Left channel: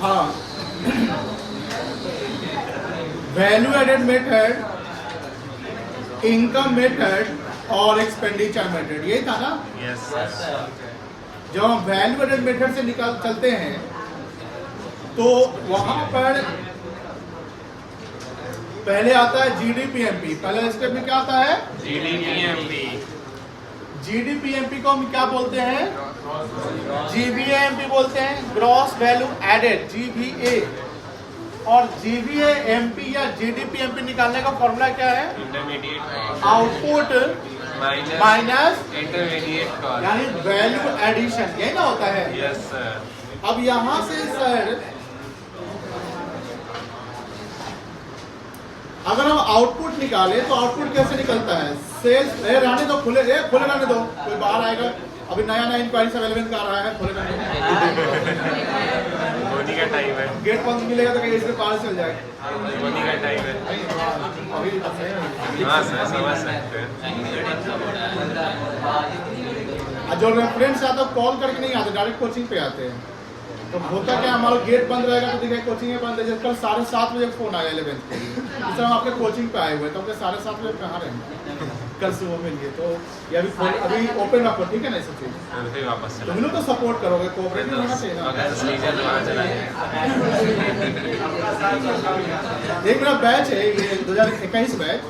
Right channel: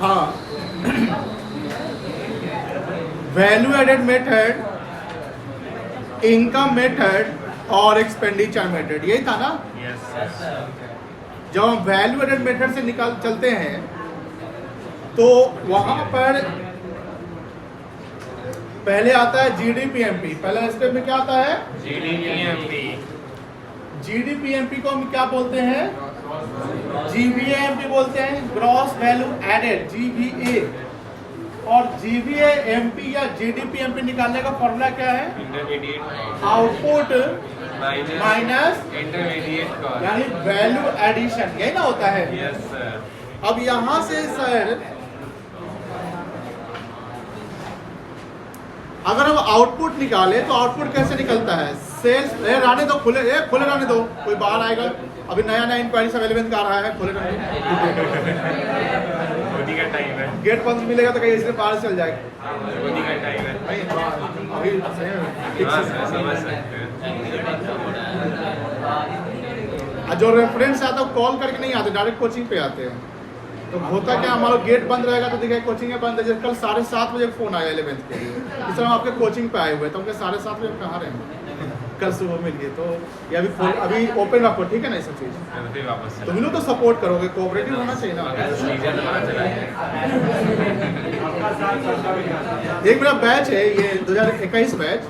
हाँ, value added method, income method और expenditure method, यही था ना? जब हम वैल्यू एडेड मेथड से निकाल चलते हैं तो वहां पर पहले आता है जीडीपीएमपी। पहला स्टेप में क्या आता है? जीडीपीएमपी। जीडीपीएमपी को हम क्या बोलते हैं? जीवीएमपी बोलते हैं, ग्रॉस वैल्यू एडेड, जीवीए। और जीवीएमपी या जीडीपीएमपी निकालने का फॉर्मूला क्या है? आउटपुट माइनस यानी वैल्यू एडिशन, यही ना होता है? Yes sir. अब यहां से सर अगर हम आउटपुट निकाले तो आउटपुट कैसे निकलता है? सेल्स, रहने दो, खुले रहने दो, कोई बाहर आएगा। अभी नया नया इंक्वायरी सब 11 का आ रहा है, खुले रहने का टाइम है, गेट बंद मिलेगा तो कहीं इसमें बाहर चल जाएगा। का टाइम है। हाँ सर, समझ सकते हैं। जो रेफरेंस आता है कॉल करके नहीं आते, डायरेक्ट कोचिंग पे आते हैं। तो होता क्या, हमारा गेट बंद रहेगा तो देखिए कोचिंग बंद है। कल 7:30 बजे फोन आया 11th के लिए, इस तरह हम आपके कोचिंग पे आए हुए, तो हमके 7:30 बजे कहाँ रहेंगे कल सुबह मिलिए। तो ये अभी ओपन रखो, ठीक है ना? ये सब चीज़ तुम लोग तो सपोर्ट करोगे, कोऑपरेटिव होना चाहिए ना। एक मेरा बैच है ये 2021 बैच,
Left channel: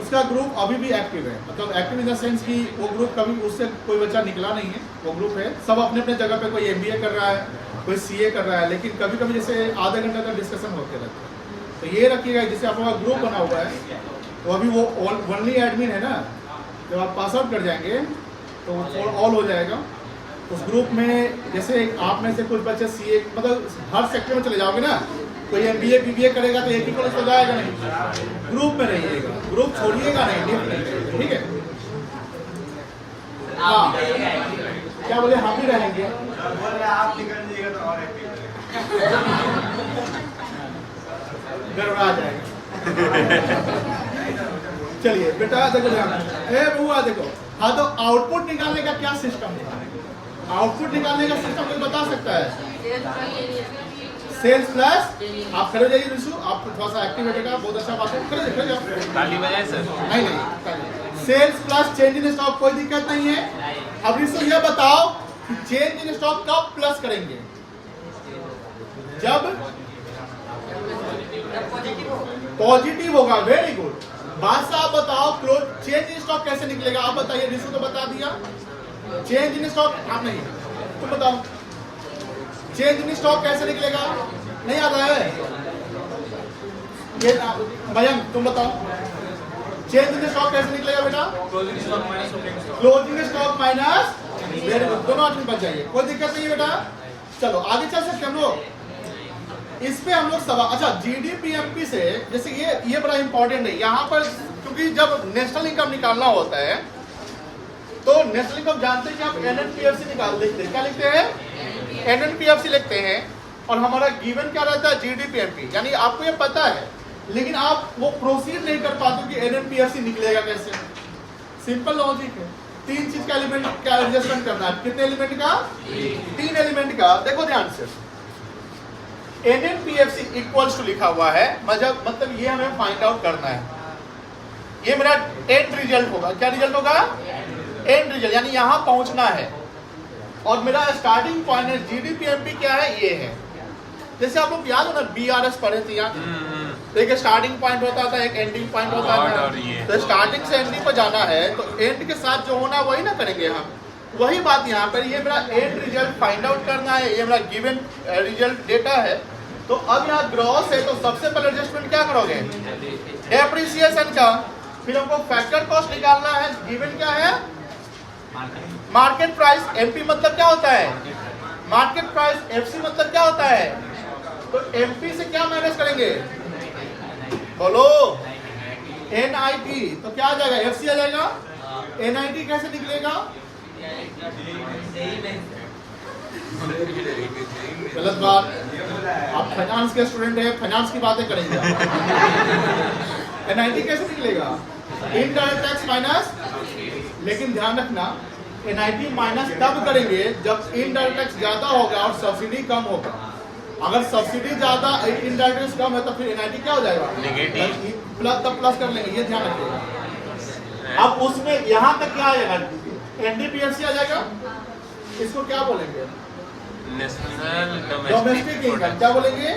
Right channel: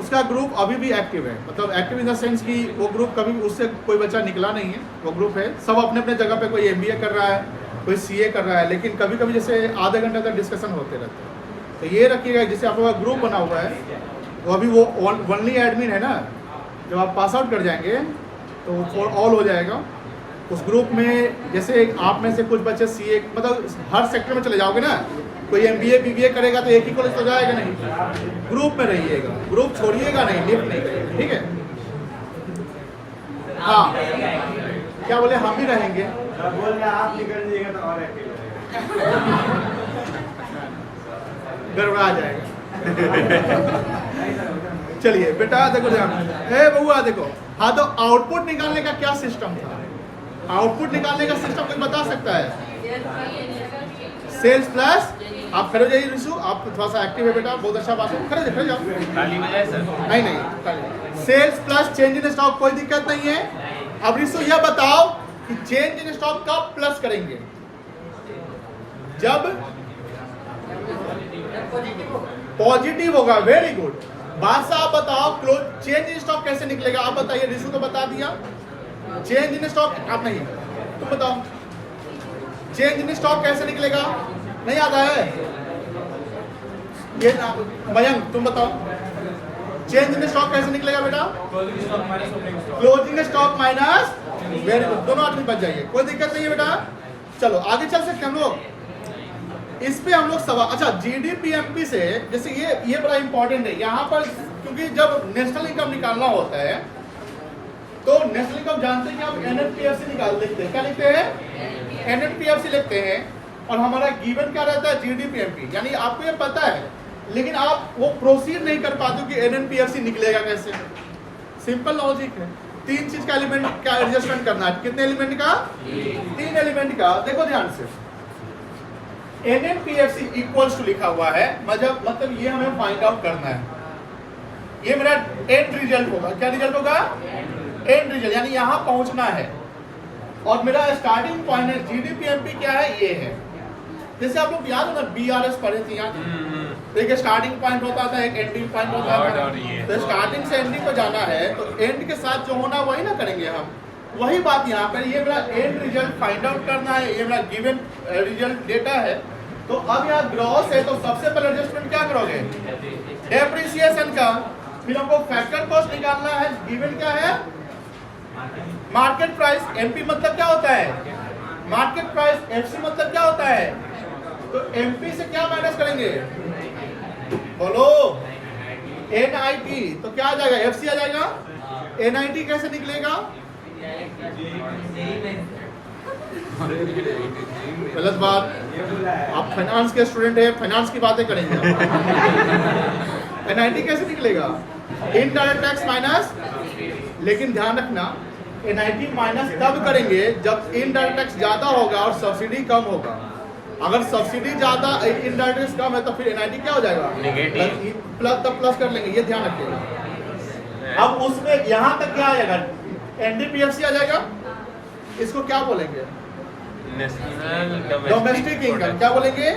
उसका ग्रुप अभी भी एक्टिव है। मतलब एक्टिव इन द सेंस कि वो ग्रुप कभी उससे कोई बच्चा निकला नहीं है। वो ग्रुप है, सब अपने अपने जगह पे, कोई एमबीए कर रहा है, कोई सीए कर रहा है, लेकिन कभी कभी जैसे आधे घंटे तक डिस्कशन होते रहते हैं। तो ये रखिएगा, जैसे आप लोगों का ग्रुप बना हुआ है तो अभी वो ओनली एडमिन है ना, जब आप पास आउट कर जाएंगे तो फॉर ऑल हो जाएगा। उस ग्रुप में जैसे आप में से कुछ बच्चे सीए, मतलब हर सेक्टर में चले जाओगे ना, कोई एमबीए बीबीए करेगा तो एक ही कॉलेज तो जाएगा नहीं, ग्रुप में रहिएगा, ग्रुप छोड़िएगा नहीं, लिफ्ट नहीं करिएगा, ठीक है? हाँ, क्या बोले? हम ही रहेंगे, बोल रहे आप निकल जाइएगा तो और गड़बड़ा जाएगा। चलिए बेटा देखो ध्यान, बउआ देखो। हाँ, तो आउटपुट निकालने का क्या सिस्टम था? आउटपुट निकालने का सिस्टम कोई बता सकता है? सेल्स प्लस, आप खड़े जाइए रिशु, आप थोड़ा सा एक्टिव है बेटा, बहुत अच्छा बात है, खड़े जाओ। ताली बजाए सर? नहीं, sales plus change in stock, कोई दिक्कत नहीं है। अब रिशु यह बताओ कि चेंज इन स्टॉक कब प्लस करेंगे? जब पॉजिटिव होगा। Very good. बादशाह आप बताओ, क्लोज चेंज इन स्टॉक कैसे निकलेगा? आप बताइए, रिशु तो बता दिया। चेंज इन स्टॉक आप नहीं, तुम बताओ चेंज इन स्टॉक कैसे निकलेगा? नहीं आता है ये? मयंक तुम बताओ, चेंज इन स्टॉक कैसे निकलेगा बेटा? Closing stock minus. Very good, दोनों आदमी बच जाएंगे, कोई दिक्कत नहीं है बेटा। चलो आगे चल सकते हम लोग इस पे। हम लोग सवाल, अच्छा जीडीपीएमपी से, जैसे ये बड़ा इंपॉर्टेंट है यहाँ पर, क्योंकि जब नेशनल इनकम निकालना होता है तो नेशनल इनकम जानते हैं कि आप एनएनपीएफसी निकाल लेते हैं। क्या लिखते हैं? एनएनपीएफसी लिखते हैं। और हमारा गिवन क्या रहता है? जीडीपीएमपी। यानी आपको ये पता है, लेकिन आप वो प्रोसीड नहीं कर पाते कि एनएनपीएफसी निकलेगा कैसे। सिंपल लॉजिक है, 3 चीज का एलिमेंट का एडजस्टमेंट करना है। कितने एलिमेंट का? 3 एलिमेंट का। देखो ध्यान से, एनएनपीएफसी इक्वल्स टू लिखा हुआ है, मतलब ये हमें फाइंड आउट करना है। ये मेरा एंड रिजल्ट होगा। क्या रिजल्ट होगा? एंड रिजल्ट, यानी यहां पहुंचना है। और मेरा स्टार्टिंग पॉइंट है जीडीपीएमपी क्या है? ये है। जैसे आप लोग याद हो ना, बीआरएस पढ़े थे यहाँ, एक स्टार्टिंग पॉइंट होता था, एक एंडिंग पॉइंट होता था। तो स्टार्टिंग से एंडिंग पर जाना है तो एंड के साथ जो होना वही ना करेंगे हम। वही बात यहाँ पर, ये मेरा एंड रिजल्ट फाइंड आउट करना है, ये मेरा गिवन रिजल्ट डेटा है। तो अब यहाँ ग्रॉस है, तो सबसे पहले एडजस्टमेंट क्या करोगे? डेप्रिसिएशन का। फिर हमको फैक्टर कॉस्ट निकालना है। गिवन क्या है? Market price. एमपी मतलब क्या होता है? Market price. एफसी मतलब क्या होता है? तो एमपी से क्या माइनस करेंगे? बोलो। एनआईटी, तो क्या आ जाएगा? एफसी आ जाएगा। एनआईटी कैसे निकलेगा? गलत बात, आप फाइनेंस के स्टूडेंट है, फाइनेंस की बातें करेंगे। एनआईटी कैसे निकलेगा? इनडायरेक्ट टैक्स माइनस लेकिन ध्यान रखना NIT माइनस तब करेंगे जब इनडायरेक्ट टैक्स ज्यादा होगा और सब्सिडी कम होगा। अगर सब्सिडी ज्यादा इनडायरेक्ट टैक्स कम है तो फिर NIT क्या हो जाएगा, नेगेटिव। प्लस, तब प्लस कर लेंगे, ये ध्यान रखिएगा। अब उसमें यहाँ तक क्या आ जाएगा, NDPLC आ जाएगा, इसको क्या बोलेंगे, नेशनल डोमेस्टिक इनकम, क्या बोलेंगे,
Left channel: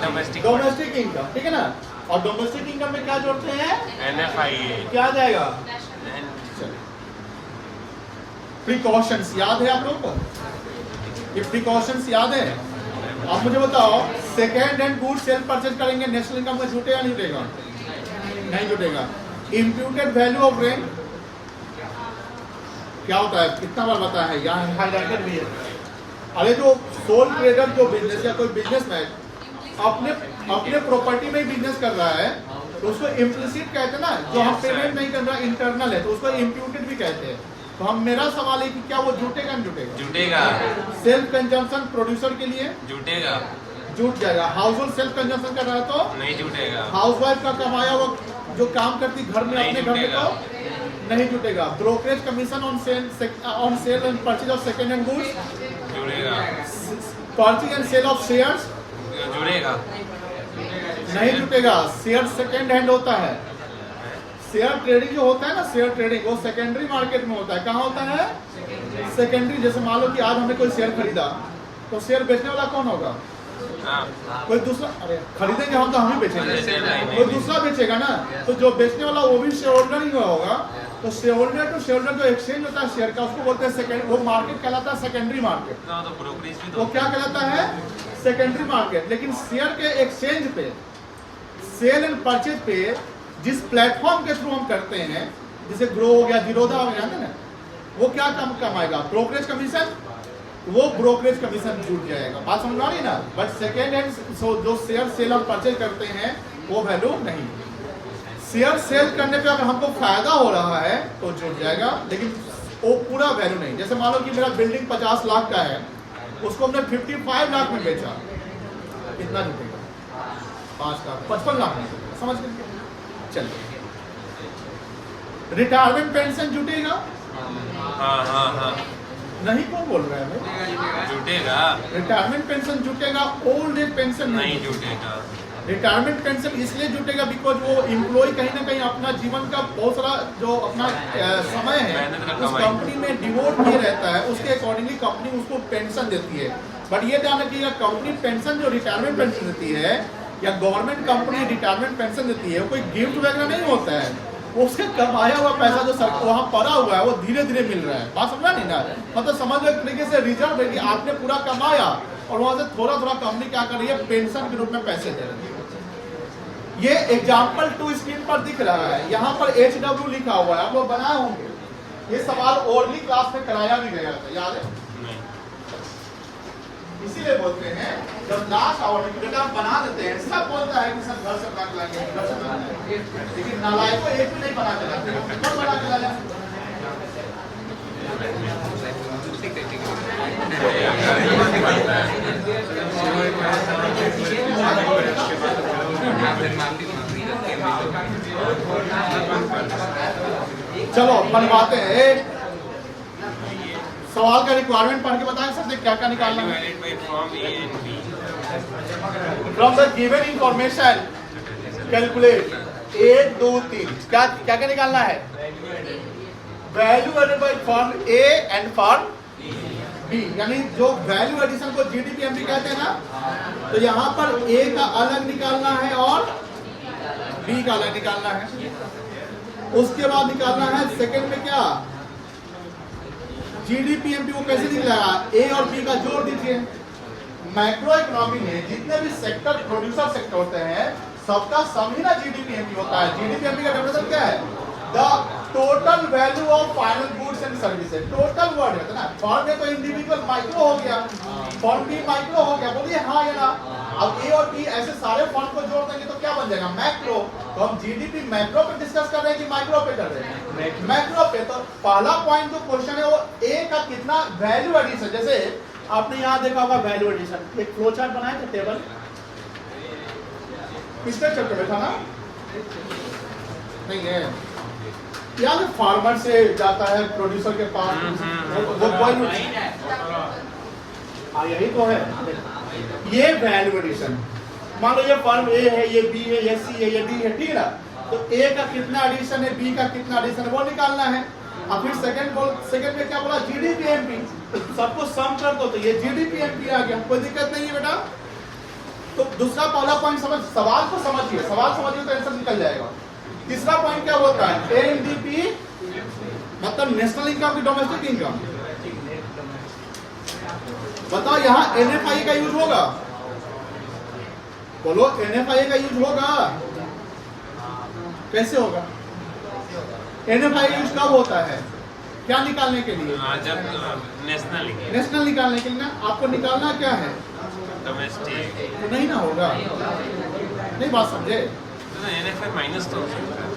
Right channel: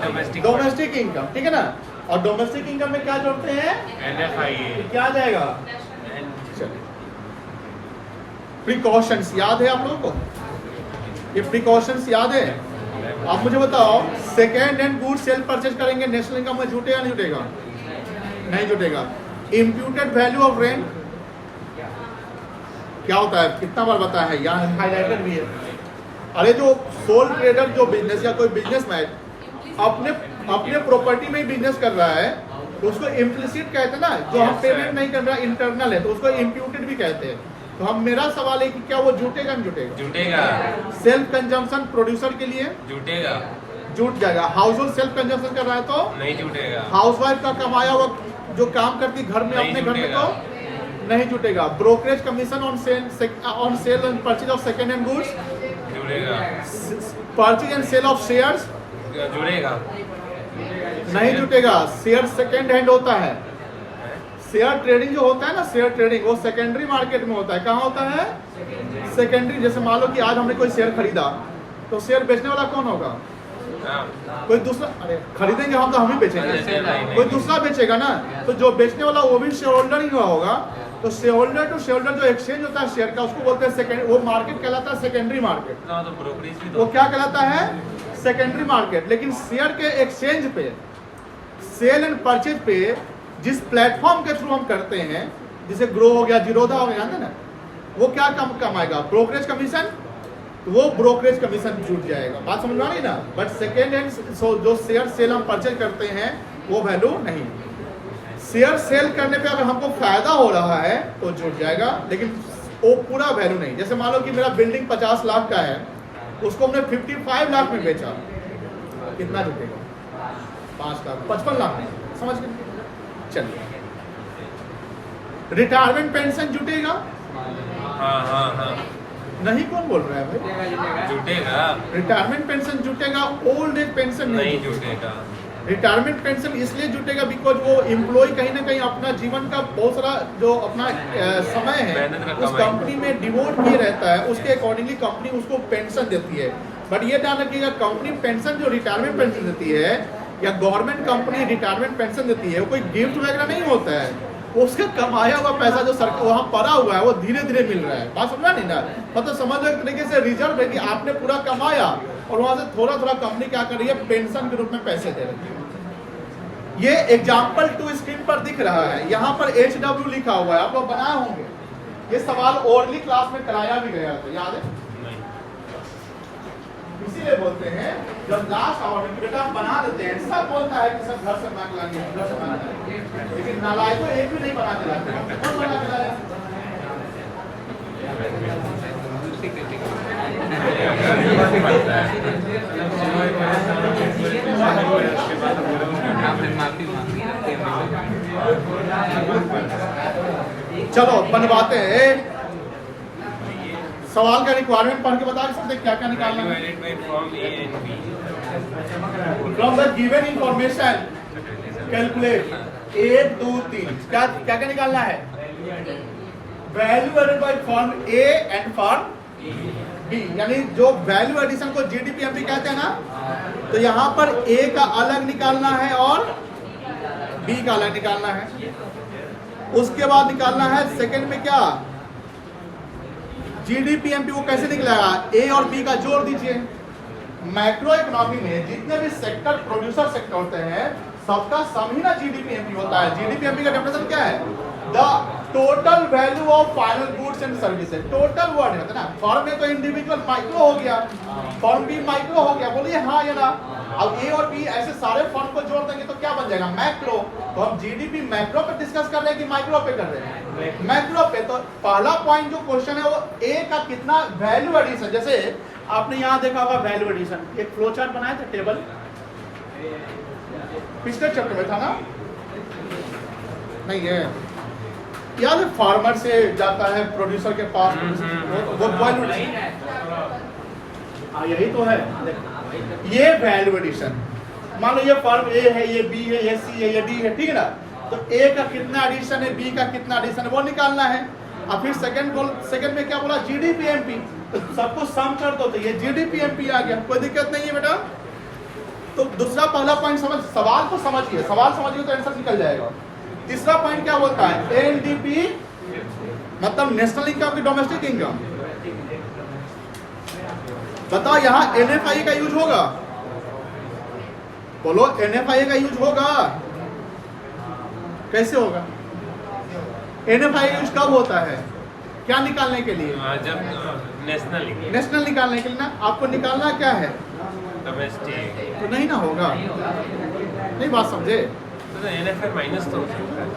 डोमेस्टिक डोमेस्टिक इनकम, ठीक है ना। और डोमेस्टिक इनकम में क्या जोड़ते हैं, NFIA क्या आ जाएगा, चलिए प्रिकॉशंस याद है आप लोगों को, ये प्रिकॉशंस याद है। आप मुझे बताओ second hand goods sale purchase करेंगे नेशनल इनकम में जुटेगा नहीं जुटेगा, नहीं जुटेगा। इम्प्यूटेड वैल्यू ऑफ रेंट क्या होता है, कितना बार बताया है, यहाँ हाईलाइटेड भी है। अरे जो सोल ट्रेडर जो बिजनेस या कोई बिजनेसमैन अपने प्रॉपर्टी में ही बिजनेस कर रहा है तो उसको इम्प्लिसिट कहते हैं ना, जो हम पेमेंट नहीं कर रहा इंटरनल है तो उसको इम्प्यूटेड भी कहते हैं। तो हम मेरा सवाल है कि क्या वो जुटेगा नहीं जुटेगा, जुटेगा, सेल्फ कंजम्पशन प्रोड्यूसर के लिए जुटेगा, जुट जाएगा। हाउस होल्ड सेल्फ कंजम्पशन कर रहा है तो नहीं जुटेगा, हाउस वाइफ का कमाया हुआ जो काम करती घर में नहीं अपने घर में जुटेगा। तो नहीं जुटेगा। Brokerage commission on sale and purchase of second hand goods, जुड़ेगा, purchase and sale of shares जुड़ेगा, नहीं जुटेगा। शेयर सेकंड हैंड होता है, शेयर ट्रेडिंग जो होता है ना, शेयर ट्रेडिंग वो सेकेंडरी मार्केट में होता है। कहाँ होता है, सेकेंडरी। जैसे मान लो कि आज हमने कोई शेयर खरीदा तो शेयर बेचने वाला कौन होगा, कोई दूसरा। अरे खरीदेंगे हम तो हम ही बेचेंगे, कोई दूसरा बेचेगा ना। तो जो बेचने वाला वो भी शेयर होल्डर ही हुआ होगा। तो shareholder to shareholder जो एक्सचेंज होता है शेयर का, उसको बोलते हैं सेकेंड, वो मार्केट कहलाता है सेकेंडरी मार्केट। तो ब्रोकरेज भी वो क्या कहलाता है, सेकेंडरी मार्केट। लेकिन शेयर के एक्सचेंज पे, सेल एंड परचेज पे जिस प्लेटफॉर्म के थ्रू हम करते हैं, जैसे ग्रो हो गया, जीरोधा हो गया, जानते हैं ना, वो क्या कमाएगा, ब्रोकरेज कमीशन। वो ब्रोकरेज कमीशन छूट जाएगा। बात समझ में आ रही ना। बट सेकेंड हैंड जो शेयर सेल हम परचेज करते हैं वो वैल्यू नहीं। शेयर सेल करने पे अगर हमको फायदा हो रहा है तो जुट जाएगा, लेकिन वो पूरा वैल्यू नहीं। जैसे मान लो कि मेरा बिल्डिंग 50 लाख का है, उसको हमने 55 लाख में बेचा, कितना जुटेगा, 5 लाख, 55 लाख में, समझ गए। चलिए रिटायरमेंट पेंशन जुटेगा, हाँ नहीं, कौन बोल रहा है भाई, जुटेगा, रिटायरमेंट पेंशन जुटेगा, ओल्ड एज पेंशन नहीं जुटेगा। रिटायरमेंट पेंशन इसलिए जुटेगा बिकॉज वो एम्प्लॉय कहीं ना कहीं अपना जीवन का बहुत सारा जो अपना समय है उस कंपनी में डिवोट किए रहता है, उसके अकॉर्डिंगली कंपनी उसको पेंशन देती है। बट ये ध्यान रखिएगा, कंपनी पेंशन जो रिटायरमेंट पेंशन देती है या गवर्नमेंट कंपनी रिटायरमेंट पेंशन देती है, वो कोई गिफ्ट वगैरह नहीं होता है, उसके कमाया हुआ पैसा जो सरकार वहाँ पड़ा हुआ है वो धीरे धीरे मिल रहा है। बात समझा नहीं ना, मतलब समझ लो एक तरीके से रिजर्व है कि आपने पूरा कमाया और वहां से थोड़ा थोड़ा कंपनी क्या कर रही है, पेंशन के रूप में पैसे दे रही है। ये एग्जाम्पल 2 स्क्रीन पर दिख रहा है, यहाँ पर HW लिखा हुआ है, आप लोग बनाए होंगे। ये सवाल ओरली क्लास में कराया भी गया था, याद है। इसीलिए बोलते हैं जब लास्ट आवर में बेटा बना देते हैं, सब बोलता है कि सब घर से बना के लाएंगे, घर से बना लाएंगे, लेकिन नालायक को एक भी नहीं बना के लाते। कौन बना के लाया? चलो बनवाते हैं। सवाल का रिक्वायरमेंट पढ़ के बता सकते क्या क्या निकालना है। From the given information calculate 1 2 3 क्या क्या क्या निकालना है, value added by firm A and firm B, यानी जो वैल्यू एडिशन को जीडीपी कहते हैं ना, तो यहाँ पर ए का अलग निकालना है और बी का अलग निकालना है। उसके बाद निकालना है सेकंड में क्या, जीडीपीएमपी को कैसे निकलेगा, ए और बी का जोड़ दीजिए। मैक्रो इकोनॉमी में जितने भी सेक्टर प्रोड्यूसर सेक्टर होते हैं सबका सम ही ना जीडीपीएमपी होता है। जीडीपीएमपी का डेफिनेशन क्या है, the total value of final goods and services. Total word है ना, फर्म में तो इंडिविजुअल माइक्रो हो गया, फर्म भी माइक्रो हो गया, बोलिए हाँ या ना। अब ए और बी ऐसे सारे फर्म को जोड़ देंगे तो क्या बन जाएगा, मैक्रो। तो हम जीडीपी मैक्रो पे डिस्कस कर रहे हैं कि माइक्रो पे कर रहे हैं, मैक्रो पे। तो पहला पॉइंट जो क्वेश्चन है वो ए का कितना वैल्यू एडिशन, जैसे आपने यहाँ देखा होगा वैल्यू एडिशन, एक फ्लो चार्ट बनाया था टेबल, पिछले चैप्टर में था ना, नहीं है यार फार्मर से जाता है प्रोड्यूसर के पास, यही तो है। ये वैल्यू एडिशन, मान लो ये फॉर्म ए है, ये बी है, ये सी है, ये डी है, ठीक है ना। तो ए का कितना एडिशन है, बी का कितना एडिशन है, वो निकालना है। अब फिर सेकंड में क्या बोला, जीडीपीएमपी, सबको सम कर दो, तो ये जीडीपीएमपी आ गया, कोई दिक्कत नहीं है बेटा। तो दूसरा पहला पॉइंट समझ, सवाल को समझिए, सवाल समझिए तो आंसर निकल जाएगा। तीसरा पॉइंट क्या होता है, एनडीपी मतलब नेशनल इनकम की डोमेस्टिक इनकम। बताओ यहाँ एनएफआई का यूज होगा, बोलो एनएफआई का यूज होगा, कैसे होगा? एनएफआई यूज कब होता है, क्या निकालने के लिए? जब नेशनल निकालने के लिए ना। आपको निकालना क्या है, डोमेस्टिक, तो नहीं ना होगा, नहीं बात समझे? तो एनएफआई माइनस तो हो सकता है।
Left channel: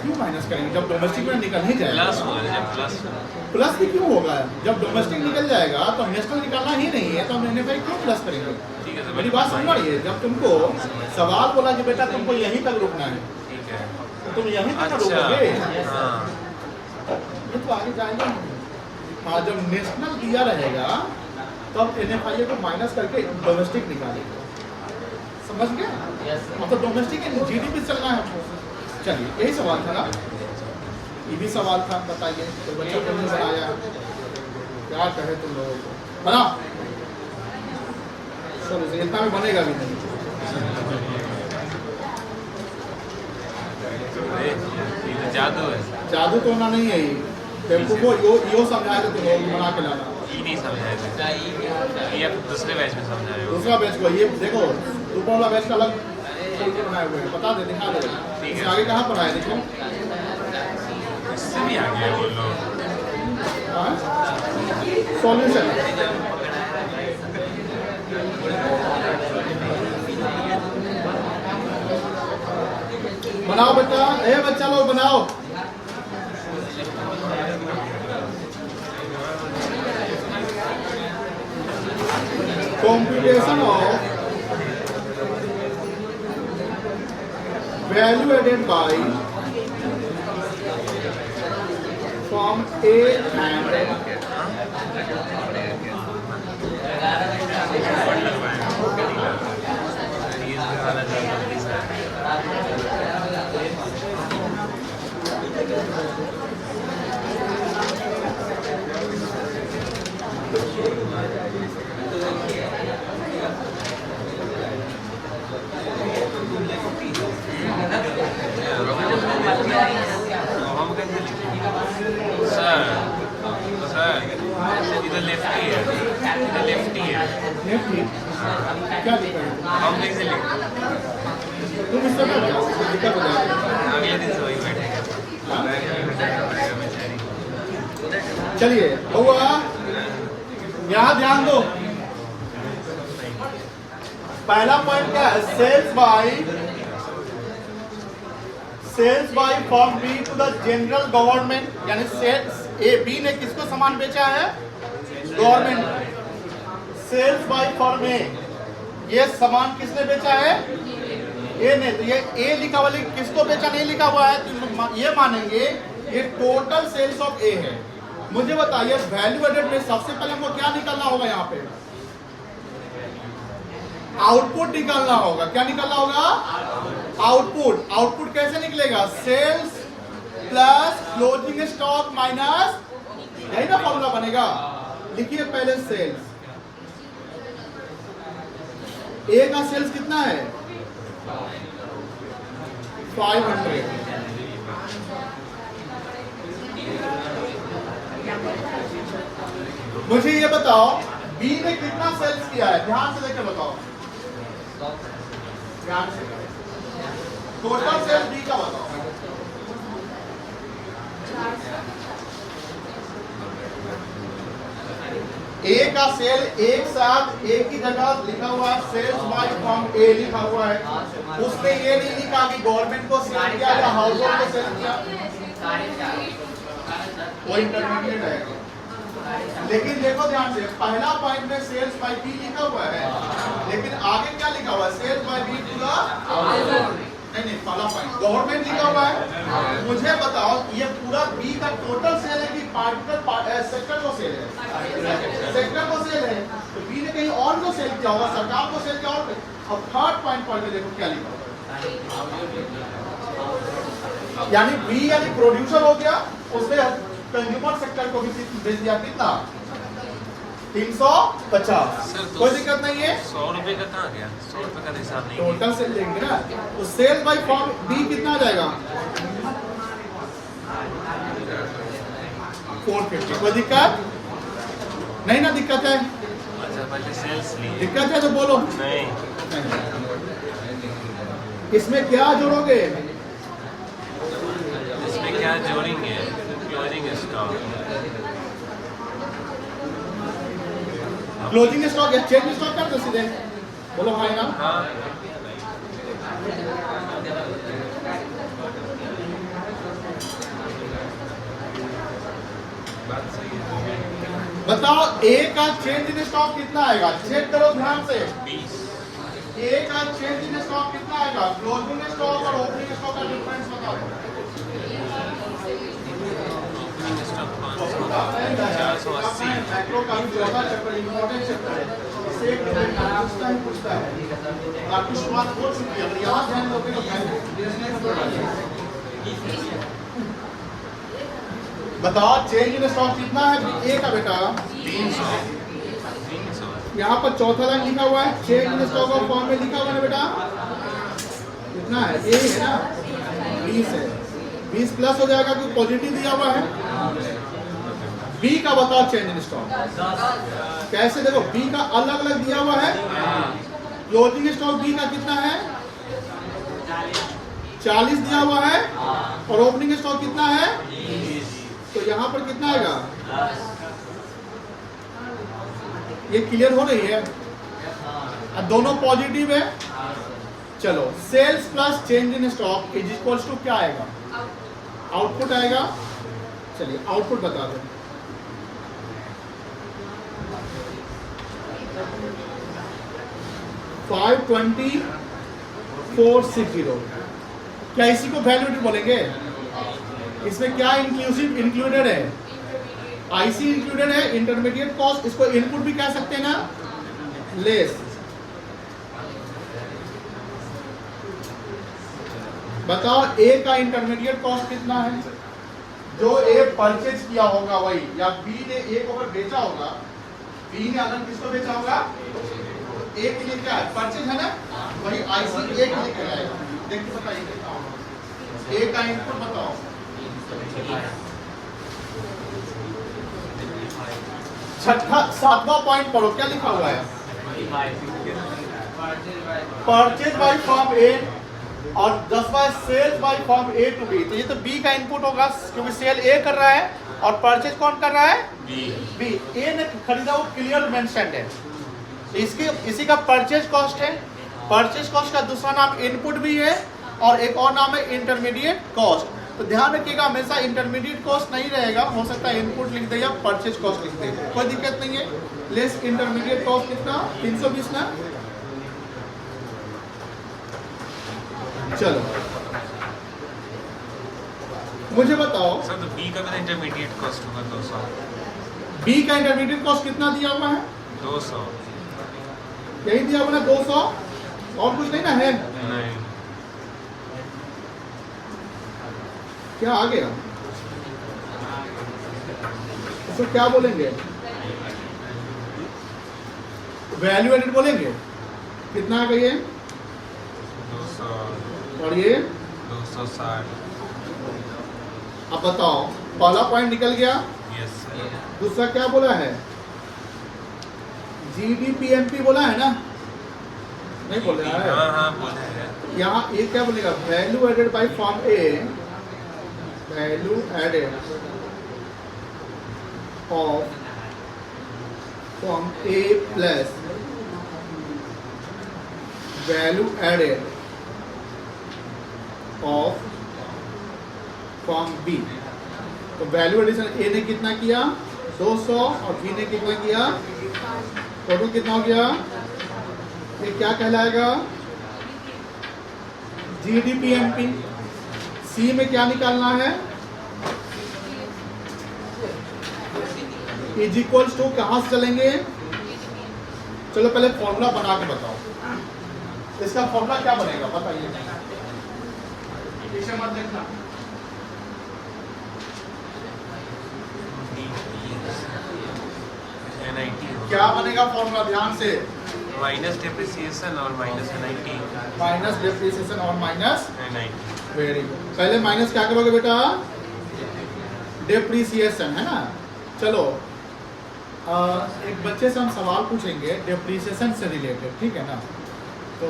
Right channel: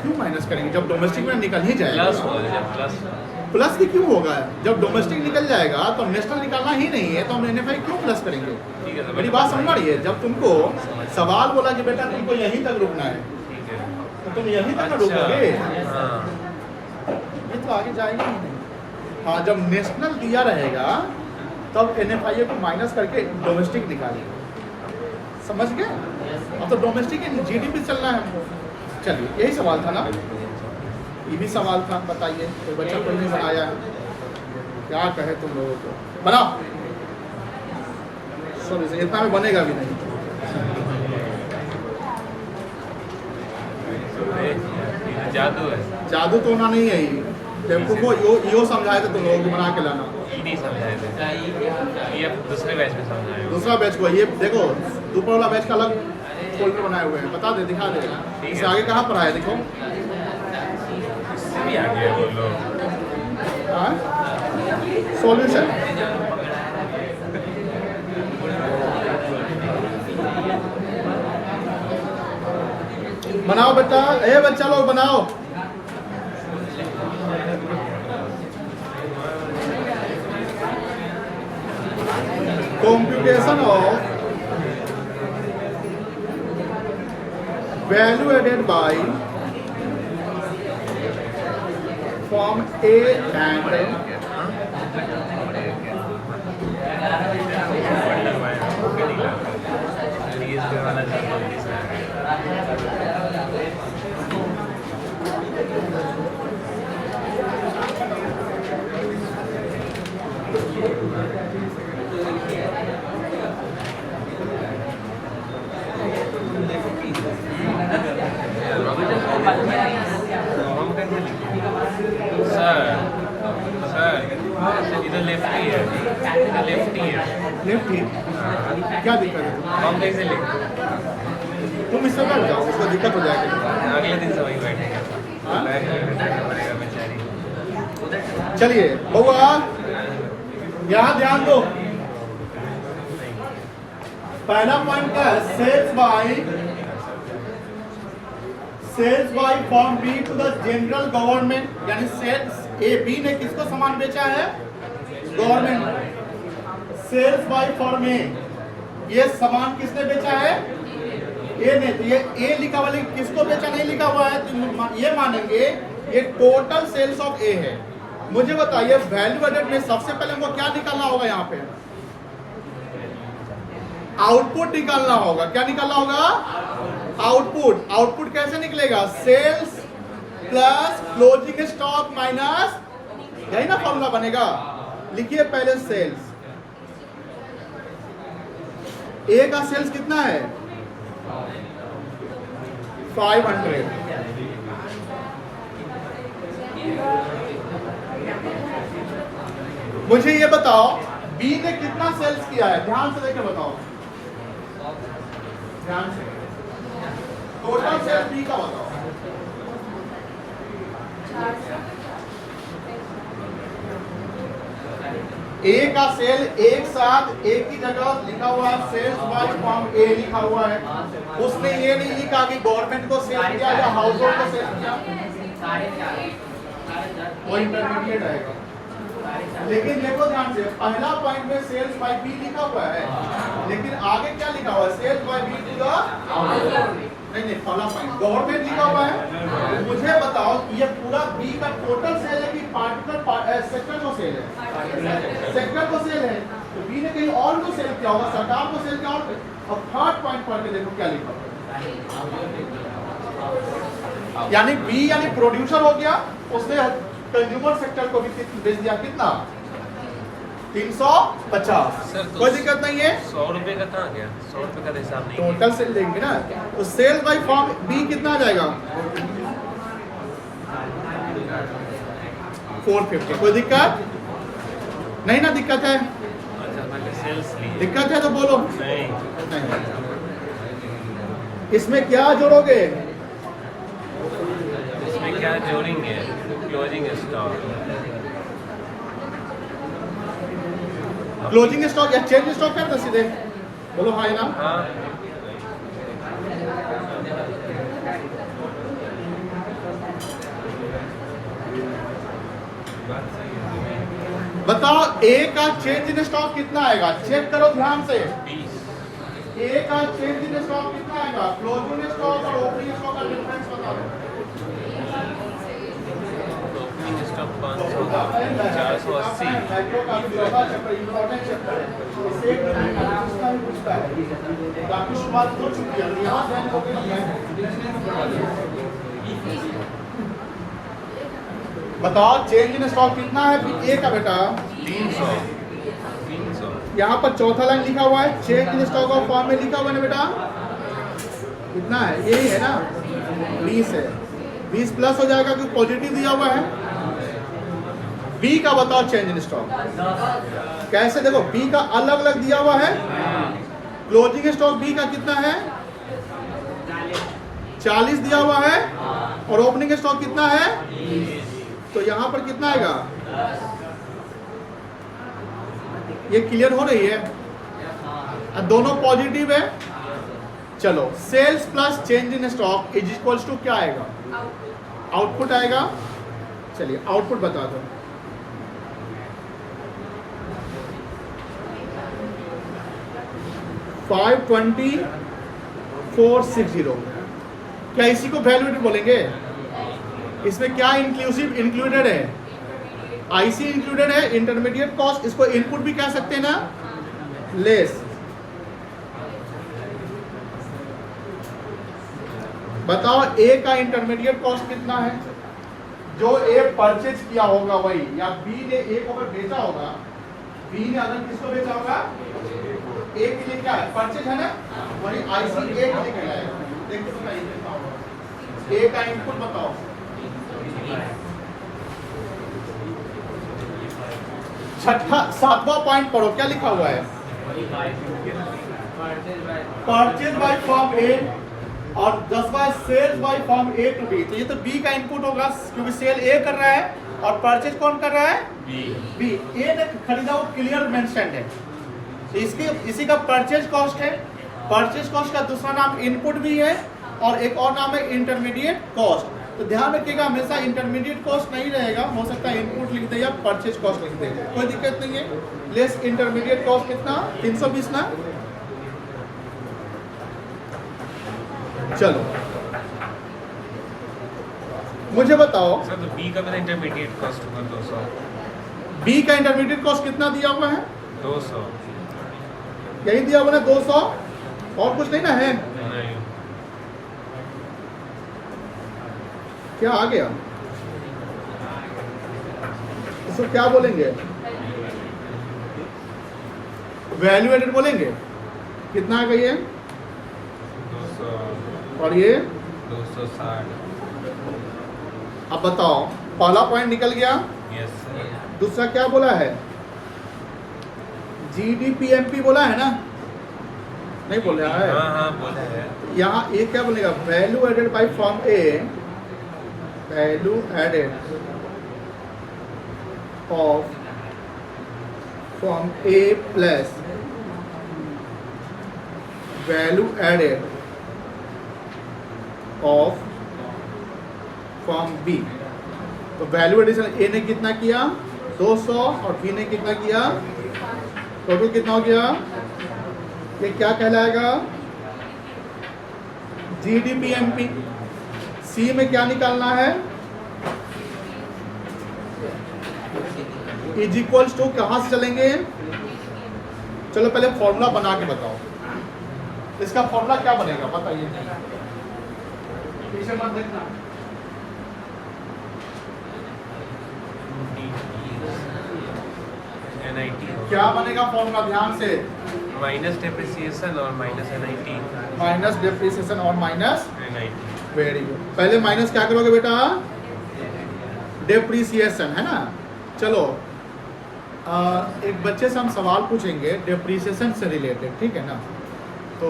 क्यों माइनस करेंगे, जब डोमेस्टिक में निकल ही जाएगा। प्लस होगा, जब प्लस प्लस भी क्यों होगा, जब डोमेस्टिक निकल जाएगा तो नेशनल निकालना ही नहीं है, तो हम एनएफआई क्यों प्लस करेंगे? ठीक है, मेरी बात समझ रही है? जब तुमको सवाल बोला कि बेटा तुमको यहीं तक रुकना है, तो तुम यहीं तक रुकोगे, ये तो आगे जाएगा नहीं। हाँ, जब नेशनल दिया रहेगा तब एनएफआई को माइनस करके डोमेस्टिक निकालेगा, समझ गया? अब तो डोमेस्टिक जीडीपी चलना है हमको। चलिए, यही सवाल था ना, ये भी सवाल था, बताइए। तो बच्चा को नहीं बनाया, क्या कहे तुम लोगों को, बना सॉरी इतना में बनेगा भी नहीं। जादू है, जादू तो होना नहीं है, बेवकूफो यो समझाए थे तुम लोग, बना के लाना। ये नहीं समझाए थे, ये अब दूसरे बैच में समझाए हो। दूसरा बैच को ये देखो, ऊपर वाला बैच का अलग फोल्डर बनाए हुए हैं, बता दे, दिखा दे इससे आगे कहाँ पढ़ा है, देखो इससे भी आ गया वो लोग। सॉल्यूशन बनाओ बेटा, ए बच्चा लोग बनाओ। Computation of value added by form A and लगवाएगा, ओके नहीं लगा, ये वाला जल्दी से इधर लेफ्ट ही है, इधर लेफ्ट ही है। लेफ्ट ही क्या दिक्कत है? हम कैसे लिख, तुम इससे बैठ जाओ, इसको दिक्कत हो जाएगी। अगले दिन से वही बैठेगा, बैठना पड़ेगा बेचारी। चलिए बउआ, यहाँ ध्यान दो। पहला पॉइंट क्या है, sales by form B to the general government, यानी सेल्स ए बी ने किसको सामान बेचा है, government. Sales by form A, ये सामान किसने बेचा है, ए ने। तो ये ए लिखा हुआ, किसको बेचा नहीं लिखा हुआ है, तो ये मानेंगे ये टोटल सेल्स ऑफ ए है। मुझे बताइए वैल्यू एडेड में सबसे पहले हमको क्या निकालना होगा, यहाँ पे आउटपुट निकालना होगा। क्या निकालना होगा, आउटपुट। आउटपुट कैसे निकलेगा, sales plus closing stock minus, यही ना फॉर्मूला बनेगा। लिखिए पहले सेल्स, ए का सेल्स कितना है 500, मुझे ये बताओ बी ने कितना सेल्स किया है, ध्यान से देखे बताओ, ध्यान से टोटल सेल्स बी का बताओ। ए का सेल एक साथ एक ही जगह लिखा हुआ है, सेल्स बाय फॉर्म ए लिखा हुआ है, उसमें ये नहीं लिखा कि गवर्नमेंट को सेल किया या हाउस होल्ड को सेल किया, वो इंटरमीडिएट है। लेकिन देखो ध्यान से, पहला पॉइंट में सेल्स बाय बी लिखा हुआ है, लेकिन आगे क्या लिखा हुआ है, sales by B to the, नहीं पहला पॉइंट गवर्नमेंट लिखा हुआ है। मुझे बताओ ये पूरा बी का टोटल सेल है कि पार्टिकुलर सेक्टर को सेल है? सेक्टर को सेल है, तो बी ने कहीं और जो सेल किया होगा, सरकार को सेल किया होगा। और थर्ड पॉइंट पढ़ के देखो क्या लिखा, यानी बी यानी प्रोड्यूसर हो गया, उसने कंज्यूमर सेक्टर को भी भेज दिया कितना 350। कोई दिक्कत नहीं है। 100 रुपए का कहाँ गया? 100 रुपए का हिसाब नहीं। टोटल सेल लेंगे ना, तो सेल बाय फॉर्म बी कितना आ जाएगा 450। कोई दिक्कत नहीं ना? दिक्कत है? अच्छा पहले सेल्स ली। दिक्कत है तो बोलो। नहीं। इसमें क्या जोड़ोगे? इसमें क्या जोड़ेंगे? Closing stock. क्लोजिंग स्टॉक या चेंज स्टॉक कर दो सीधे, बोलो हाँ ना। हाँ। बताओ ए का चेंज इन स्टॉक कितना आएगा? चेक करो ध्यान से। 20। ए का चेंज इन स्टॉक कितना आएगा? क्लोजिंग स्टॉक और ओपनिंग स्टॉक का डिफरेंस बता दो। Opening stock 500, 480। मैक्रो का भी ज्यादा चैप्टर इंपॉर्टेंट चैप्टर है, इससे एक पूछता है बाकी शुरुआत हो चुकी है। अगर यहाँ ध्यान दोगे तो बताओ चेंज इन स्टॉक कितना है ए का बेटा? 300। यहाँ पर चौथा लाइन लिखा हुआ है, change in stock of form में लिखा हुआ है ना बेटा, कितना है? ये है ना 20 है। 20 प्लस हो जाएगा क्योंकि पॉजिटिव दिया हुआ है। बी का बताओ चेंज इन स्टॉक कैसे? देखो बी का अलग अलग दिया हुआ है। क्लोजिंग स्टॉक बी का कितना है? 40 दिया हुआ है, और ओपनिंग स्टॉक कितना है? तो यहाँ पर कितना आएगा? ये क्लियर हो रही है? दोनों पॉजिटिव है। चलो sales plus change in stock is equals to क्या आएगा? आउटपुट आएगा। चलिए आउटपुट बता दें। $524.60। क्या इसी को वैल्यू एडिट बोलेंगे? इसमें क्या इंक्लूडेड है? आईसी इंक्लूडेड है, इंटरमीडिएट कॉस्ट, इसको इनपुट भी कह सकते हैं ना, लेस। बताओ ए का इंटरमीडिएट कॉस्ट कितना है? जो ए परचेज किया होगा वही, या बी ने ए को अगर बेचा होगा, बी ने अगर किसको बेचा होगा? ए के लिए क्या है? परचेज है ना, वही आईसी ए के लिए कहलाएगा। देखो बताइए कितना होगा ए का इनपुट बताओ। छठा 7वां पॉइंट पढ़ो, क्या लिखा हुआ है? परचेज बाय फॉर्म ए, और 10वां sale by form A to B. तो ये तो बी का इनपुट होगा क्योंकि सेल ए कर रहा है और परचेज कौन कर रहा है? बी। ए ने खरीदा वो क्लियर मेंशन्ड है, तो इसी का परचेज कॉस्ट है। परचेज कॉस्ट का दूसरा नाम इनपुट भी है, और एक और नाम है इंटरमीडिएट कॉस्ट। तो ध्यान रखिएगा हमेशा इंटरमीडिएट कॉस्ट नहीं रहेगा, हो सकता है इनपुट लिख दे या परचेज कॉस्ट लिख दे, कोई दिक्कत नहीं है। लेस इंटरमीडिएट कॉस्ट कितना? 320 ना। चलो मुझे बताओ सर तो बी का मेरा इंटरमीडिएट कॉस्ट हुआ 200। बी का इंटरमीडिएट कॉस्ट कितना दिया हुआ है? 200। यही दिया हुआ है 200, और कुछ नहीं ना है? नहीं। क्या आ गया? उसको क्या बोलेंगे? वैल्यू एडेड बोलेंगे। कितना आ गई है? 200। और ये 260। अब बताओ, पहला पॉइंट निकल गया। Yes sir. दूसरा क्या बोला है? जीडीपीएमपी बोला है ना? नहीं बोल रहा है? हाँ हाँ बोला है। यहाँ ये क्या बोलेगा? Value added by form A, value added of form A plus value added of form B. तो वैल्यू एडिशन ए ने कितना किया? 200, और बी ने कितना किया? टोटल कितना हो गया? ये क्या कहलाएगा? GDPMP, सी में क्या निकालना है, इज इक्वल्स टू कहां से चलेंगे, चलो पहले फॉर्मूला बना के बताओ, इसका फॉर्मूला क्या बनेगा बताइए, पीछे मत देखना। NIT क्या बनेगा फॉर्मूला, ध्यान से, माइनस डेप्रिसिएशन और माइनस NIT माइनस डेप्रिसिएशन और माइनस NIT। Very good. पहले माइनस क्या करोगे बेटा, डेप्रिसिएशन है ना। चलो एक बच्चे से हम सवाल पूछेंगे डेप्रिसिएशन से रिलेटेड, ठीक है ना, तो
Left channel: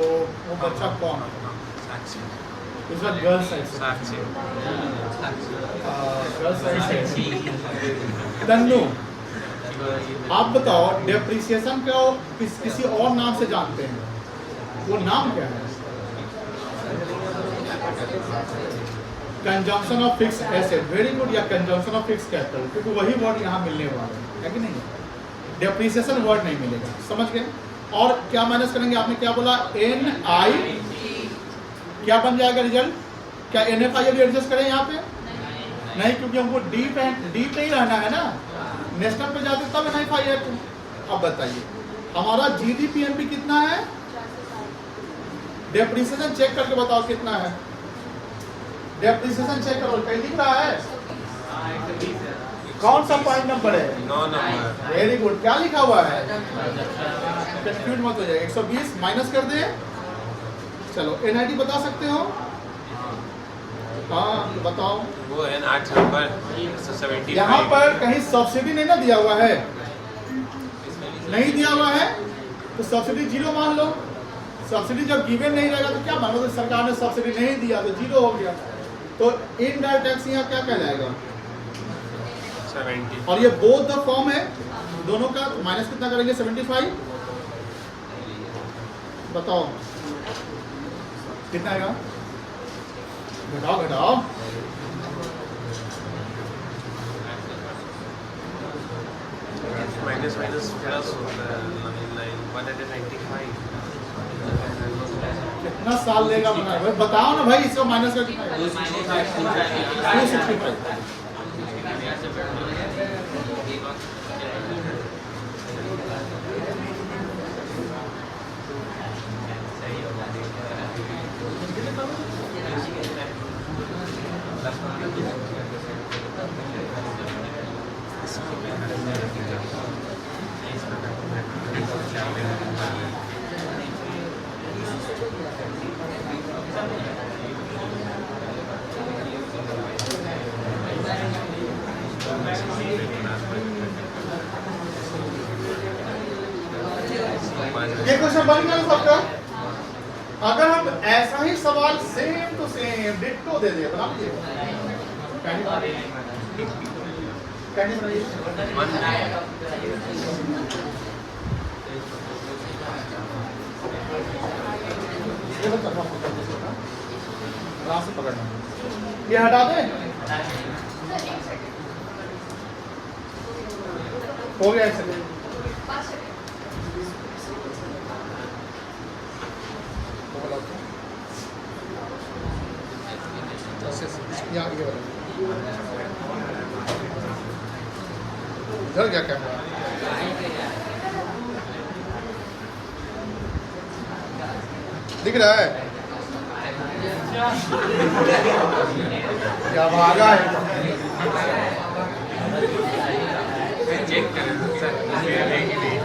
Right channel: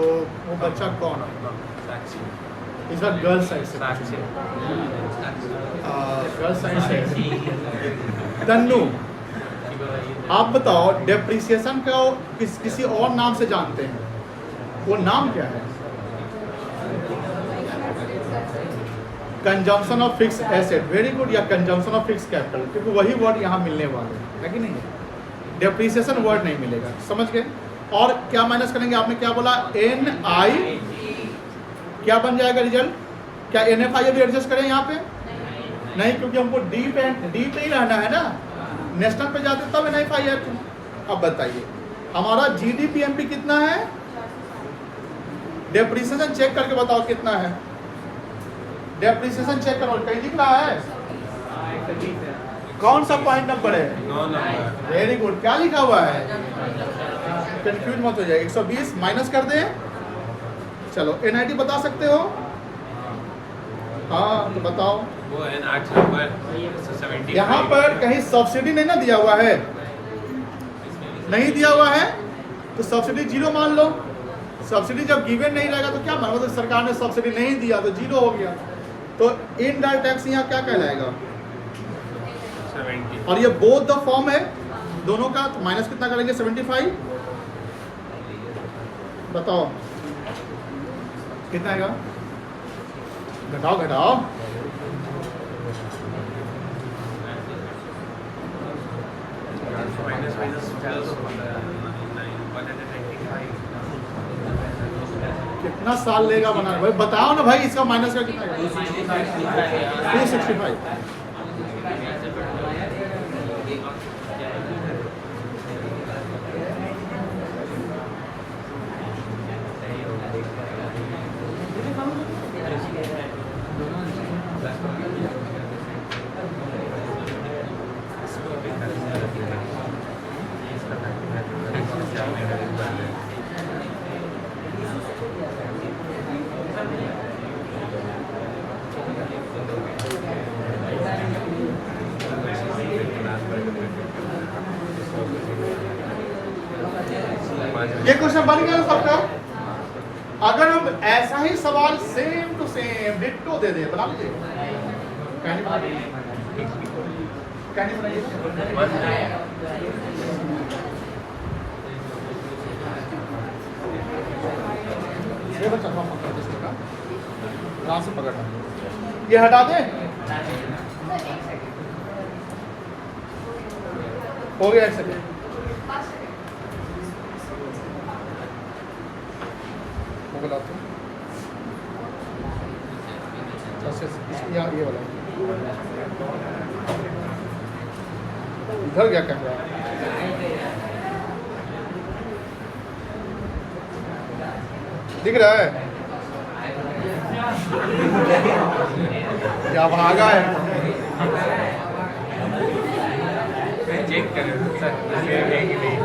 वो बच्चा कौन है, साक्षी इस बार गर्ल साइड से, साक्षी गर्ल साइड से तन्नू, आप बताओ डेप्रिसिएशन को किसी और नाम से जानते हैं, वो नाम क्या है, consumption of fix asset, very good, या कंजम्पशन ऑफ फिक्स कैपिटल, क्योंकि वही वर्ड यहाँ मिलने वाले है कि नहीं, डेप्रिसिएशन वर्ड नहीं मिलेगा, समझ गए। और क्या माइनस करेंगे, आपने क्या बोला, NI, क्या बन जाएगा रिजल्ट, क्या NFI एडजस्ट करें यहाँ पे, नहीं, क्योंकि हमको डी पे ही रहना है ना, नेशनल पे जाते तब NFI है तुम। अब बताइए हमारा GDPMP कितना है, डेप्रिसिएशन चेक करके बताओ कितना है, डेप्रिसिएशन चेक करो, कहीं दिख रहा है, कौन सा पॉइंट नंबर है, 9 नंबर। वेरी गुड, क्या लिखा हुआ है, कंफ्यूज मत हो जाए, 120 माइनस कर दे, चलो NIT बता सकते हो, हाँ तो बताओ, वो है 8 नंबर 170। यहाँ पर कहीं सब्सिडी नहीं ना दिया हुआ है, नहीं दिया हुआ है तो सब्सिडी जीरो मान लो, सब्सिडी जब गिवन नहीं रहेगा तो क्या मानो, तो सरकार ने सब्सिडी नहीं दिया तो जीरो हो गया, तो इनडायरेक्ट टैक्स यहाँ क्या कहलाएगा, 70। और ये बोथ द फॉर्म है दोनों का, तो माइनस कितना करेंगे, 75, बताओ कितना आएगा, घटाओ घटाओ, माइनस माइनस प्लस 195। कितना साल लेगा बनाना भाई, बताओ ना भाई, इसका माइनस का कितना है, 265, इसको भी खरीदना रख लेना, इसका मैं इसका 4 महीने दिन पहले ये क्वेश्चन बन गया ना सबका। अगर हम ऐसा ही सवाल सेम टू सेम डिट्टो दे दे, बना ये हटा दें, हो गया सर। यहाँ पे घर क्या कर रहा है, दिख रहा है क्या भागा है, चेक करें सर, है कि नहीं,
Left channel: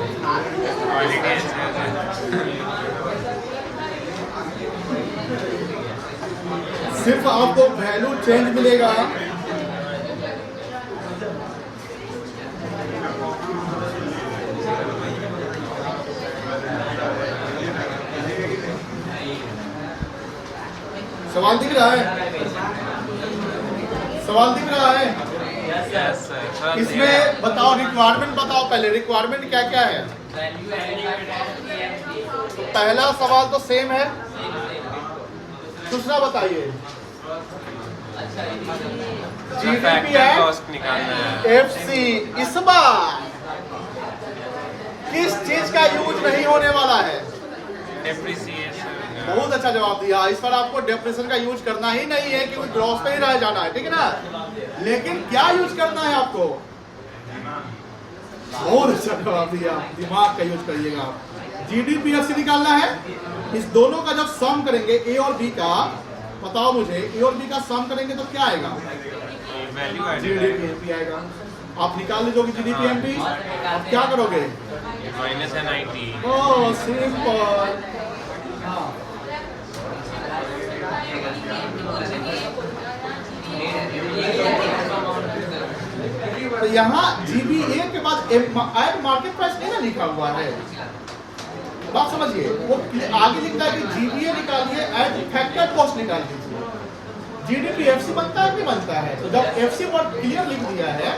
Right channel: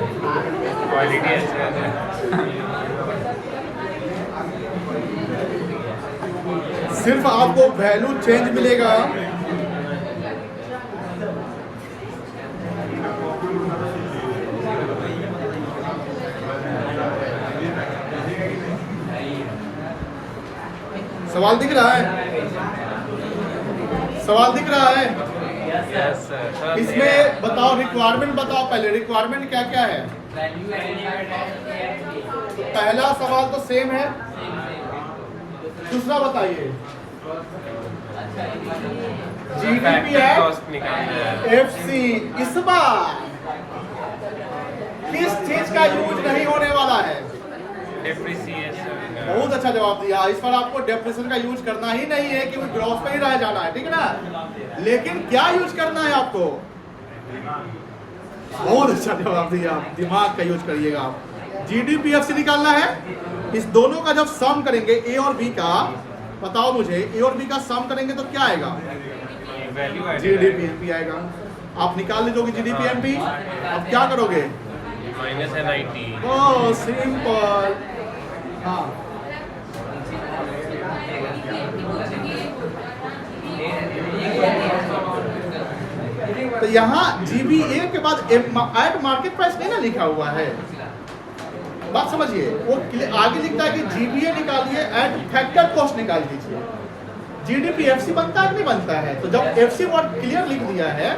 क्वालिटी अच्छा है। सिर्फ आपको वैल्यू चेंज मिलेगा, सवाल दिख रहा है, सवाल दिख रहा है, यस सर। इसमें बताओ रिक्वायरमेंट बताओ, पहले रिक्वायरमेंट क्या क्या है, तो पहला सवाल तो सेम है, दूसरा बताइए फैक्टर कॉस्ट निकालना है। FC, इस बार किस चीज का यूज नहीं होने वाला है, डेप्रिसिएशन बहुत अच्छा जवाब दिया। इस पर आपको डेफिनेशन का यूज करना ही नहीं है, क्योंकि ग्रॉस पे ही रह जाना है, ठीक है ना। लेकिन क्या यूज करना है आपको? बहुत अच्छा जवाब दिया, दिमाग का यूज करिएगा आप। GDPFC निकालना है, इस दोनों का जब सम करेंगे ए और बी का, बताओ मुझे, ए और बी का सम करेंगे तो क्या आएगा? GDPMP आएगा। आप निकाल लीजिए GDPMP। आप क्या करोगे? Minus NIT। ओह सिंपल। हाँ तो यहाँ GBA के बाद एट मार्केट प्राइस नहीं ना लिखा हुआ है, बात समझिए। वो आगे लिखता है कि GBA निकालिए, एट फैक्टर कॉस्ट निकाल दीजिए। GDPFC बनता है कि नहीं बनता है? तो जब FC वर्ड क्लियर लिख दिया है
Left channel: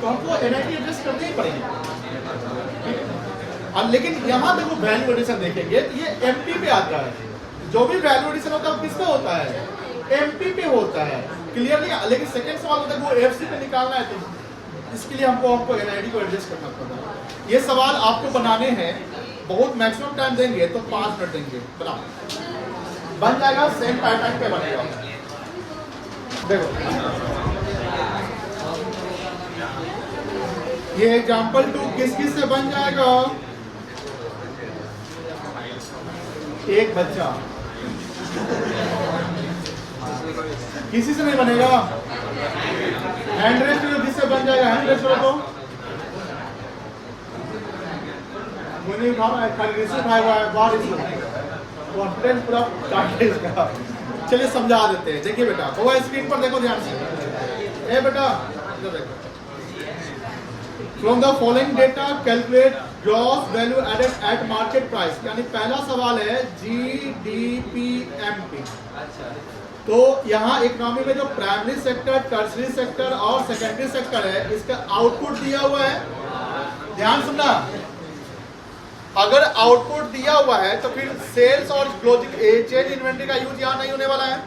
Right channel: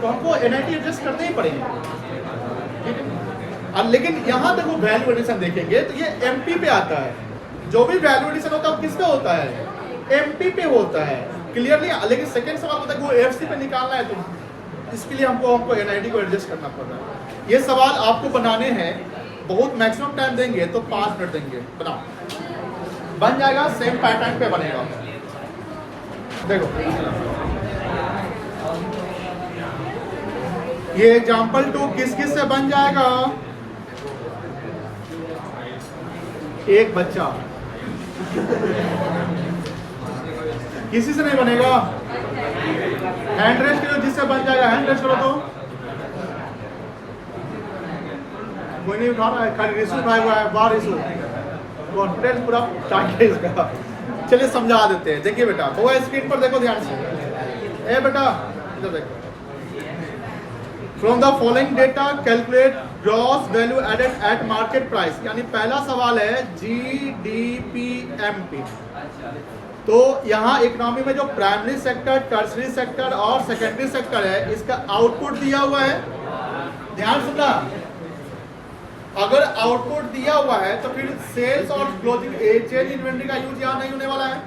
तो हमको NIT एडजस्ट करने ही पड़ेगा। अब लेकिन यहाँ देखो वैल्यू एडिशन देखेंगे तो ये MP पे आता है। जो भी वैल्यू एडिशन होता है वो किस पे होता है? MP पे होता है, क्लियरली। लेकिन सेकंड सवाल होता है वो FC पे निकालना है, तो इसके लिए हमको NIT को एडजस्ट करना पड़ता है। ये सवाल आपको बनाने हैं, बहुत मैक्सिमम टाइम देंगे तो 5 मिनट देंगे, बनाओ, बन जाएगा। सेम पैटर्न पे बनेगा। देखो ये एग्जाम्पल 2 किस किस से बन जाएगा? एक बच्चा, किसी से नहीं बनेगा। हैंड रेस्ट करो, जिससे बन जाएगा हैंड रेस्ट करो। तो कोई नहीं उठा रहा है, खाली रिश्ते उठाया हुआ है, बाहर कॉन्फिडेंस पूरा टाइट है इसका। चलिए समझा देते हैं। देखिए बेटा, वो स्क्रीन पर देखो ध्यान से। ए बेटा इधर देखो। From the following data calculate gross value added at market price. यानी पहला सवाल है GDPMP। तो यहाँ इकोनॉमी में जो प्राइमरी सेक्टर, टर्सरी सेक्टर और सेकेंडरी सेक्टर है, इसका आउटपुट दिया हुआ है। ध्यान सुनना, अगर आउटपुट दिया हुआ है तो फिर सेल्स और क्लोजिंग चेन इन्वेंटरी का यूज यहाँ नहीं होने वाला है।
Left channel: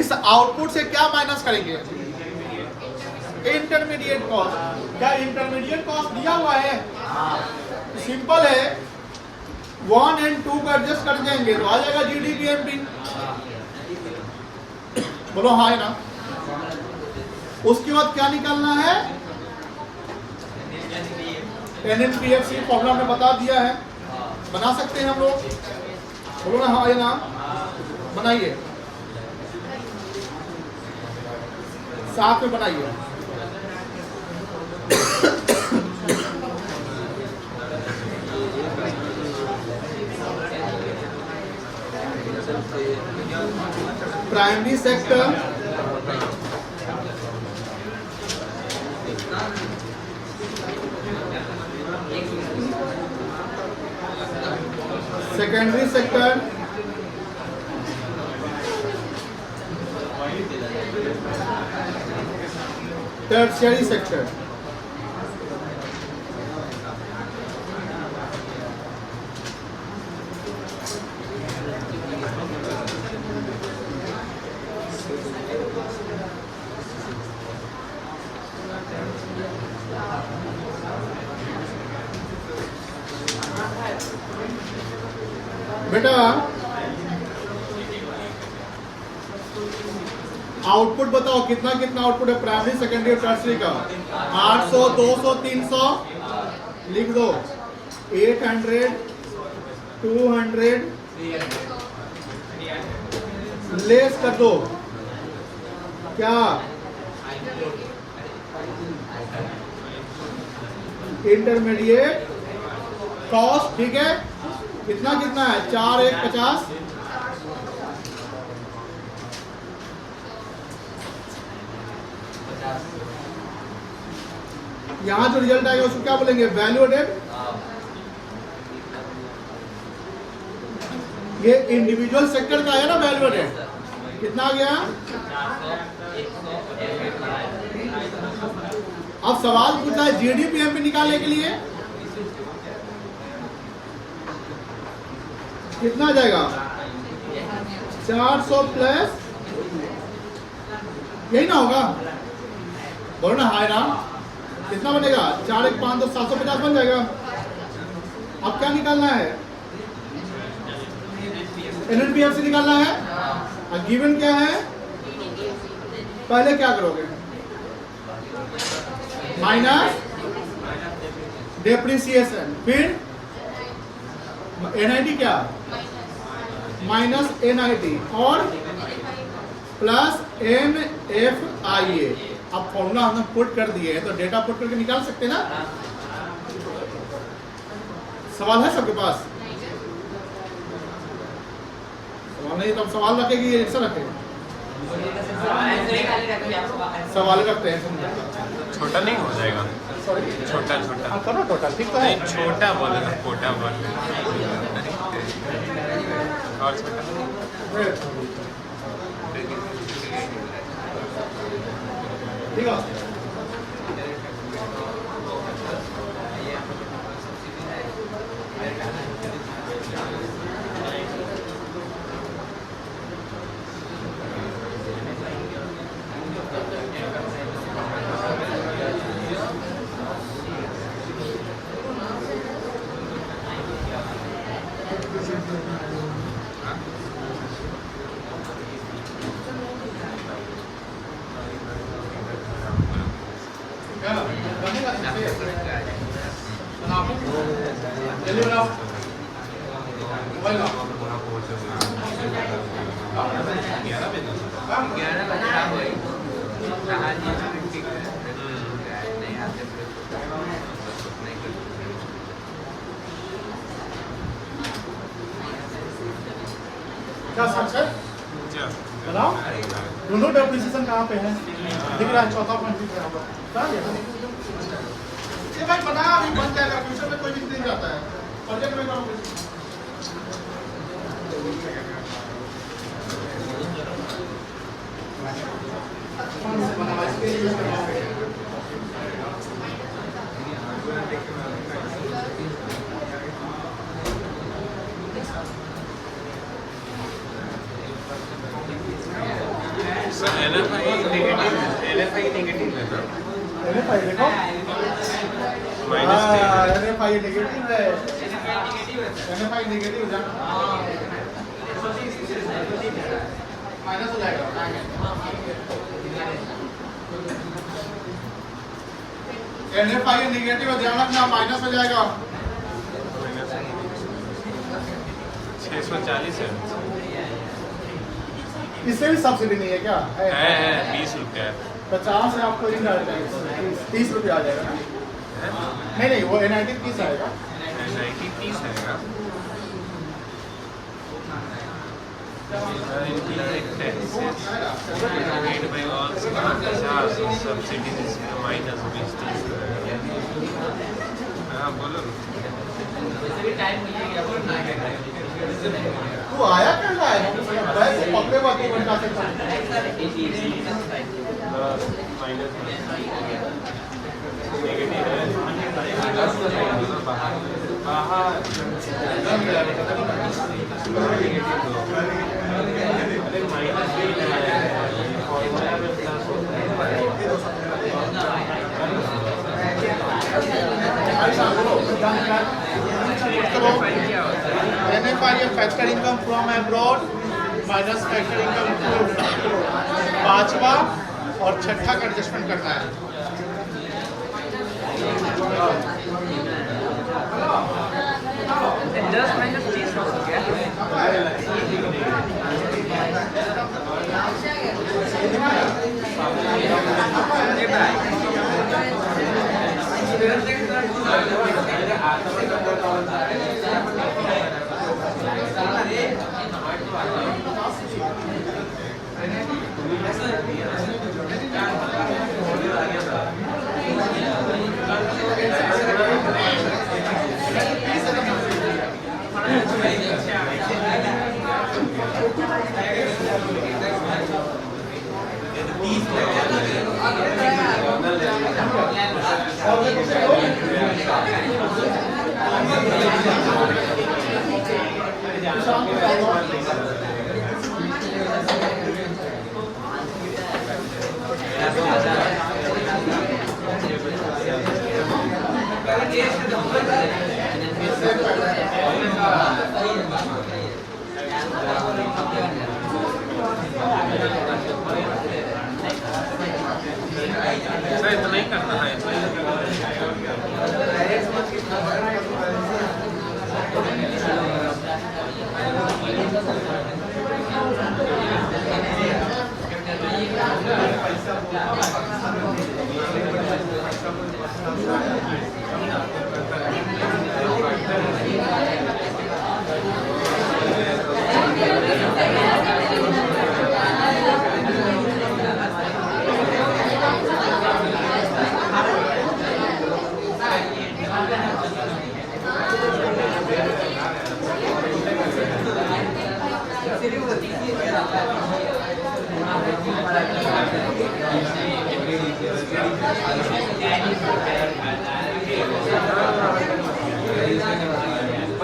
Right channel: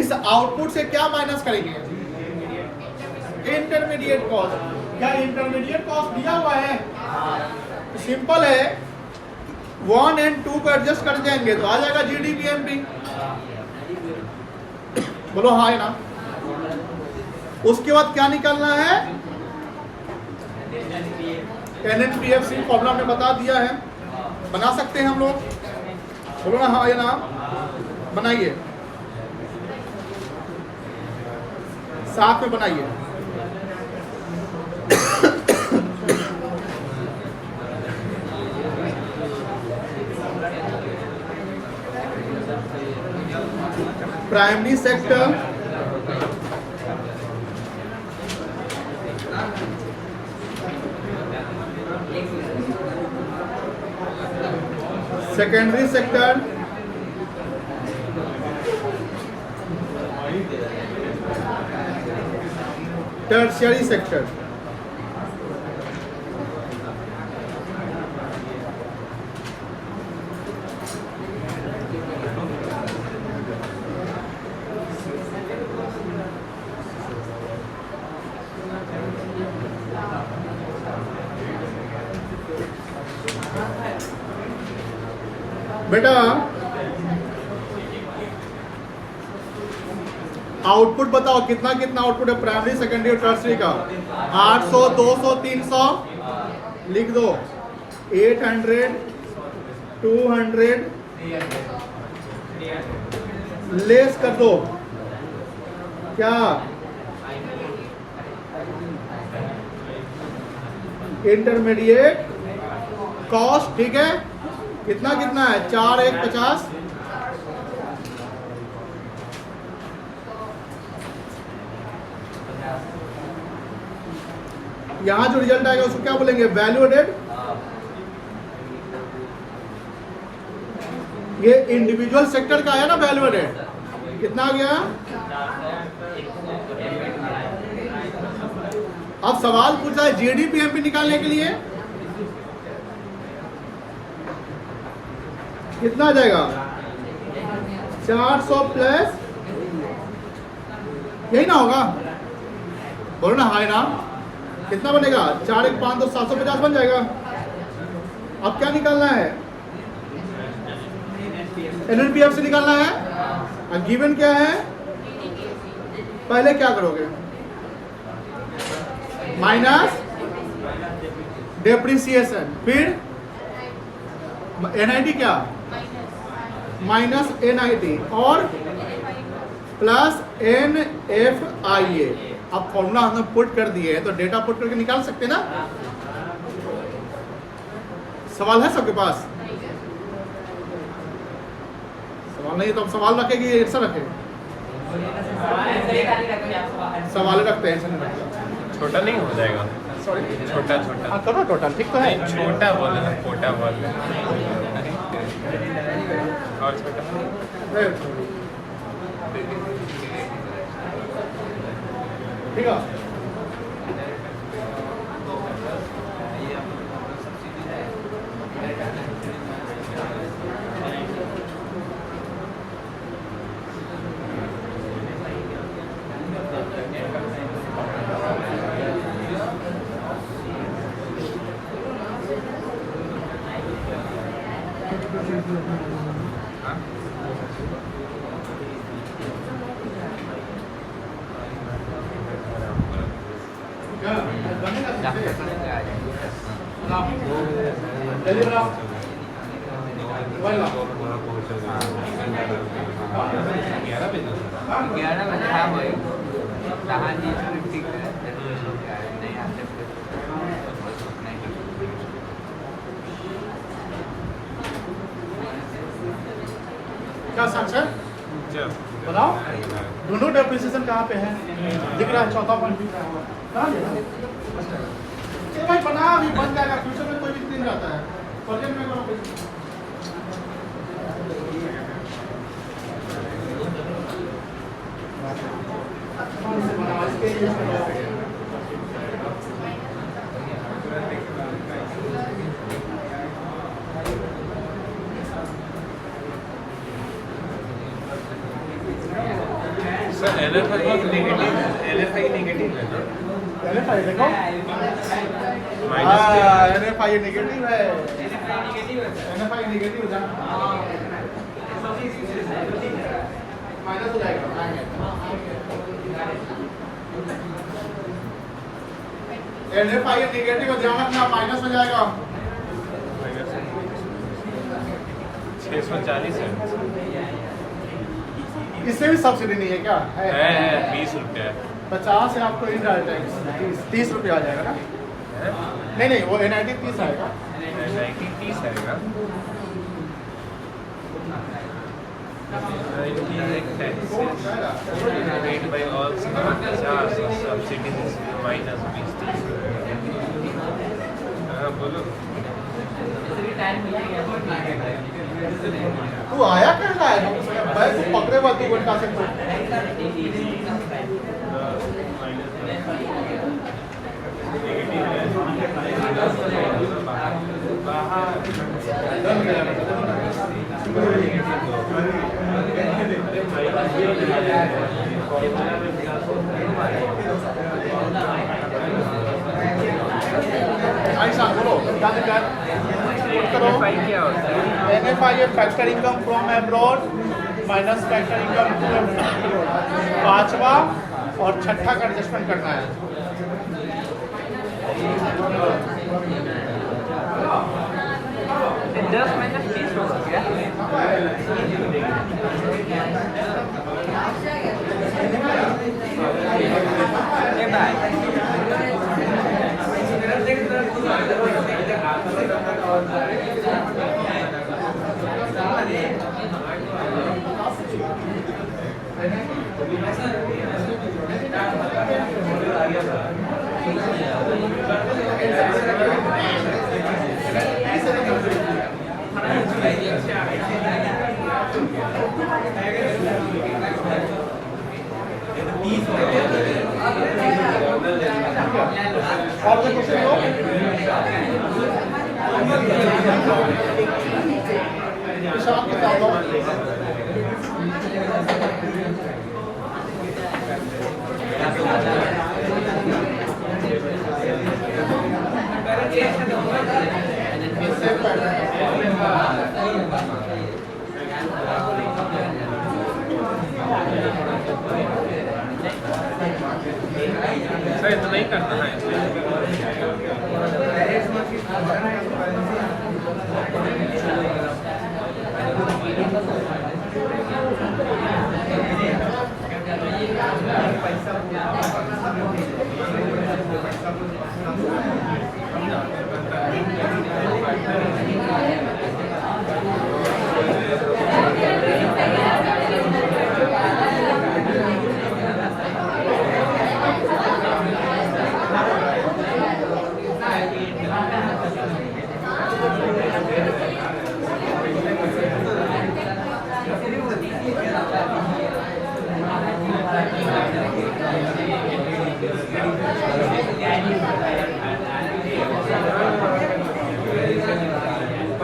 इस आउटपुट से क्या माइनस करेंगे? Intermediate cost. क्या इंटरमीडिएट कॉस्ट दिया हुआ है? सिंपल है, 1 और 2 को एडजस्ट कर जाएंगे तो आ जाएगा GDPMP। बोलो हाँ है ना। उसके बाद क्या निकालना है? NNPFC फॉर्मूला हमने बता दिया है, बना सकते हैं हम लोग। बोलो ना हाँ या ना, बनाइए, साथ में बनाइए। Primary sector, secondary sector, tertiary sector. बेटा आउटपुट बताओ, कितना कितना आउटपुट है प्राइमरी सेकेंडरी टर्सरी का? 800, 200, 300 लिख दो। 800, 200 लेस कर दो। क्या इंटरमीडिएट कॉस्ट, ठीक है। कितना कितना है? 4 1 50। यहां जो रिजल्ट आएगा उसको क्या बोलेंगे? Value added. ये इंडिविजुअल सेक्टर का आया ना वैल्यू एडेड, कितना आ गया? अब सवाल पूछा है GDPMP निकालने के लिए, कितना आ जाएगा? 400 प्लस, यही ना होगा? बोलो ना हाय ना। कितना बनेगा? 4 1 5 2 750 बन जाएगा। अब क्या निकालना है? NNPF से निकालना है। और गिवन क्या है? पहले क्या करोगे? माइनस डेप्रिसिएशन, फिर NIT क्या? माइनस NIT और प्लस NFIA। अब फॉर्मूला हमने पुट कर दिए है तो डेटा पुट करके निकाल सकते हैं ना? सवाल है सबके पास? सवाल नहीं तो हम सवाल रखें कि आंसर रखें? सवाल रखते हैं। छोटा नहीं हो जाएगा? छोटा छोटा छोटा छोटा ठीक तो नहीं, छोटा बोल ना, छोटा बोल और छोटा ठीक है। क्या समझ गए? बनाओ। दोनों डेप्रिसिएशन कहाँ पे है? दिख रहा है चौथा पॉइंट क्या हुआ? ये भाई बना अभी बन जाएगा, फ्यूचर में कोई दिक्कत नहीं आता है। प्रोजेक्ट में करो। सर NFI नेगेटिव है ना? माइनस NFI नेगेटिव है। NFI नेगेटिव हो जाएगा। माइनस हो जाएगा। NFI नेगेटिव है, ध्यान रखना, माइनस हो जाएगा। 640 है। इससे भी सब्सिडी नहीं है क्या? है 20 रुपया। 50 से आपको 30 रुपया आ जाएगा। है? नहीं नहीं, वो NIT 30 है। 30 है ना? Direct taxes paid by all charges of subsidies is minus 20. हाँ बोलो। तू आया क्या है? वैसे पकड़े बात ही बता सकते NFI factor income from abroad minus factor income, पांचवा और छठा का एडजस्टमेंट करना है। दस माइनस 30 हो गया।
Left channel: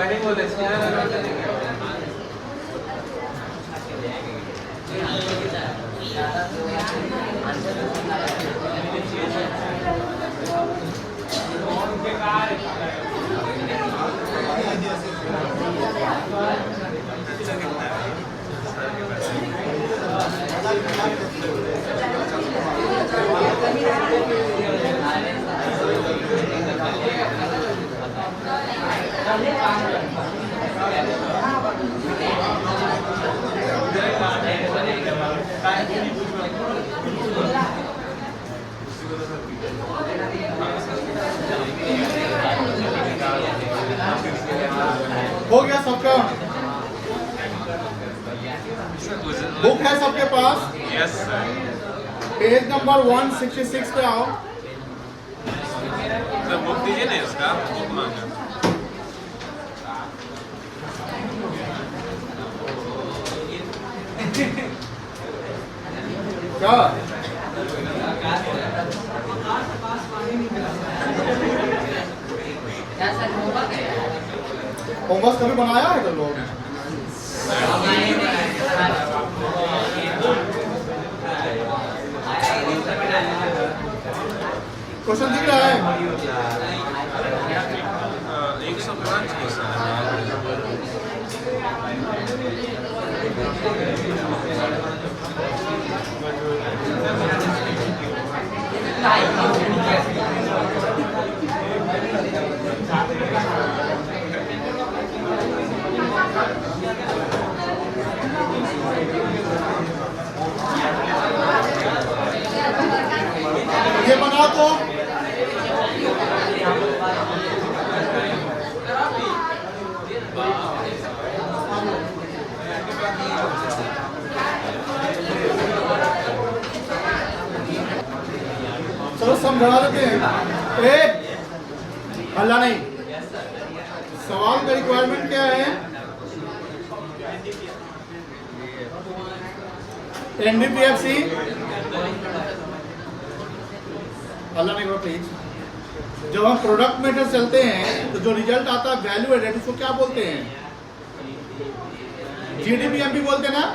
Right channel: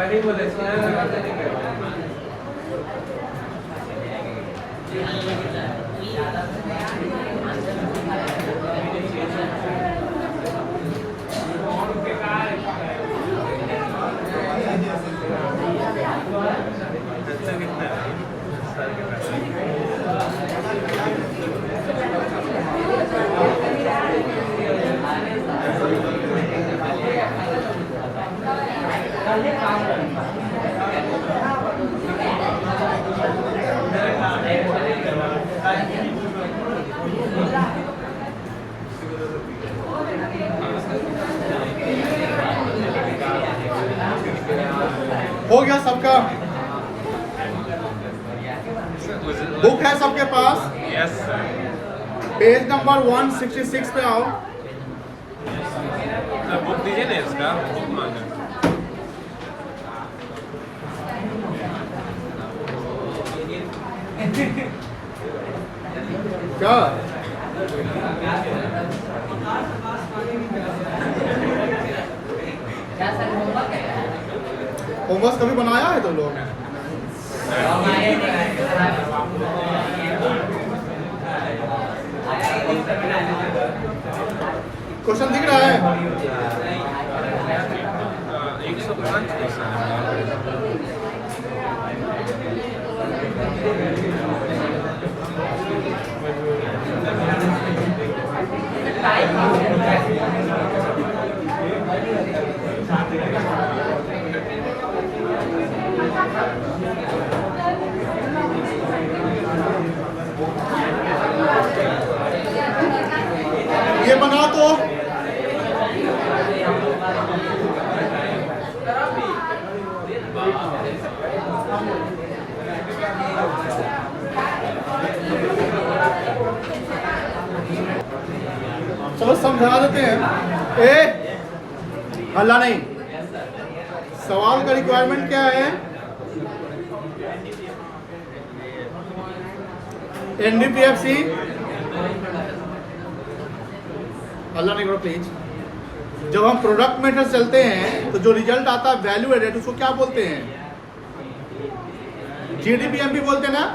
खर्चा कितना है सर के पास? हो गया सबका? बुक है सबके पास? Yes sir. पेज नंबर 166 पे आओ। सर बुक दीजिए ना इसका, बुक मांगा। क्या होमवर्क कभी बनाया है तो लोग? क्वेश्चन दिख रहा है? 105 है सर। ये बना तो चलो समझा देते हैं। अल्लाह नहीं, सवाल का रिक्वायरमेंट क्या है? एनडीपीएफसी अल्लाह नहीं करो प्लीज। जब हम प्रोडक्ट मेथड चलते हैं तो जो रिजल्ट आता है वैल्यू एडेड, उसको क्या बोलते हैं? जीडीपीएमपी बोलते हैं ना।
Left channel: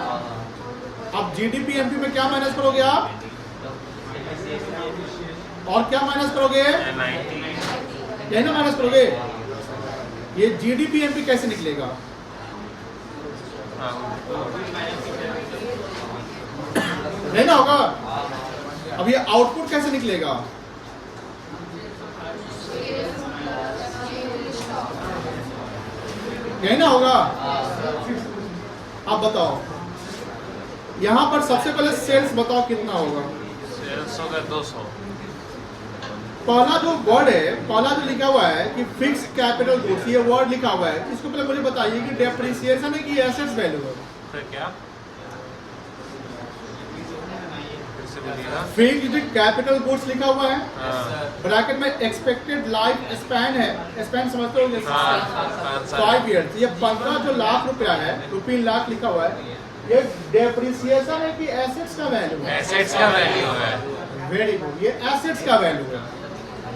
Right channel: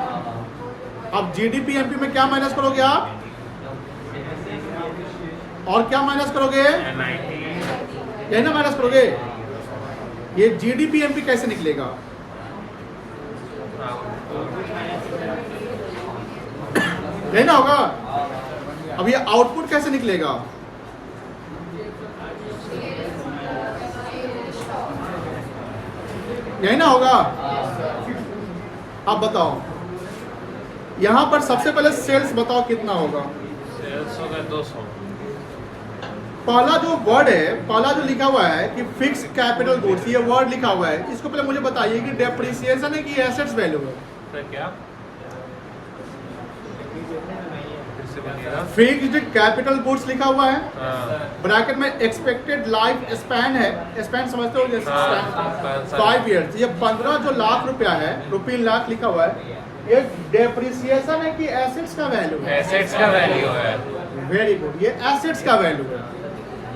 अब जीडीपीएमपी में क्या माइनस करोगे आप? और क्या माइनस करोगे? यही ना माइनस करोगे। ये जीडीपीएमपी कैसे निकलेगा? यही ना होगा। अब ये आउटपुट कैसे निकलेगा? यही ना होगा। आप बताओ, यहां पर सबसे पहले सेल्स बताओ कितना होगा? 200। पहला जो वर्ड है, पहला जो लिखा हुआ है कि फिक्स कैपिटल गुड्स, ये वर्ड लिखा हुआ है, इसको पहले मुझे बताइए कि डेप्रिसिएशन है कि एसेट्स वैल्यू है? फिर क्या? फिर से बोलिएगा। फिक्स्ड कैपिटल गुड्स लिखा हुआ है, हाँ। ब्रैकेट में एक्सपेक्टेड लाइफ स्पैन है। स्पैन समझते हो? जैसे हाँ, 5 ईयर्स। ये 15 जो लाख रुपया है, रुपीन लाख लिखा हुआ है, ये डेप्रिसिएशन है कि एसेट्स का वैल्यू है? एसेट्स का वैल्यू है। वेरी गुड, ये एसेट्स का वैल्यू है।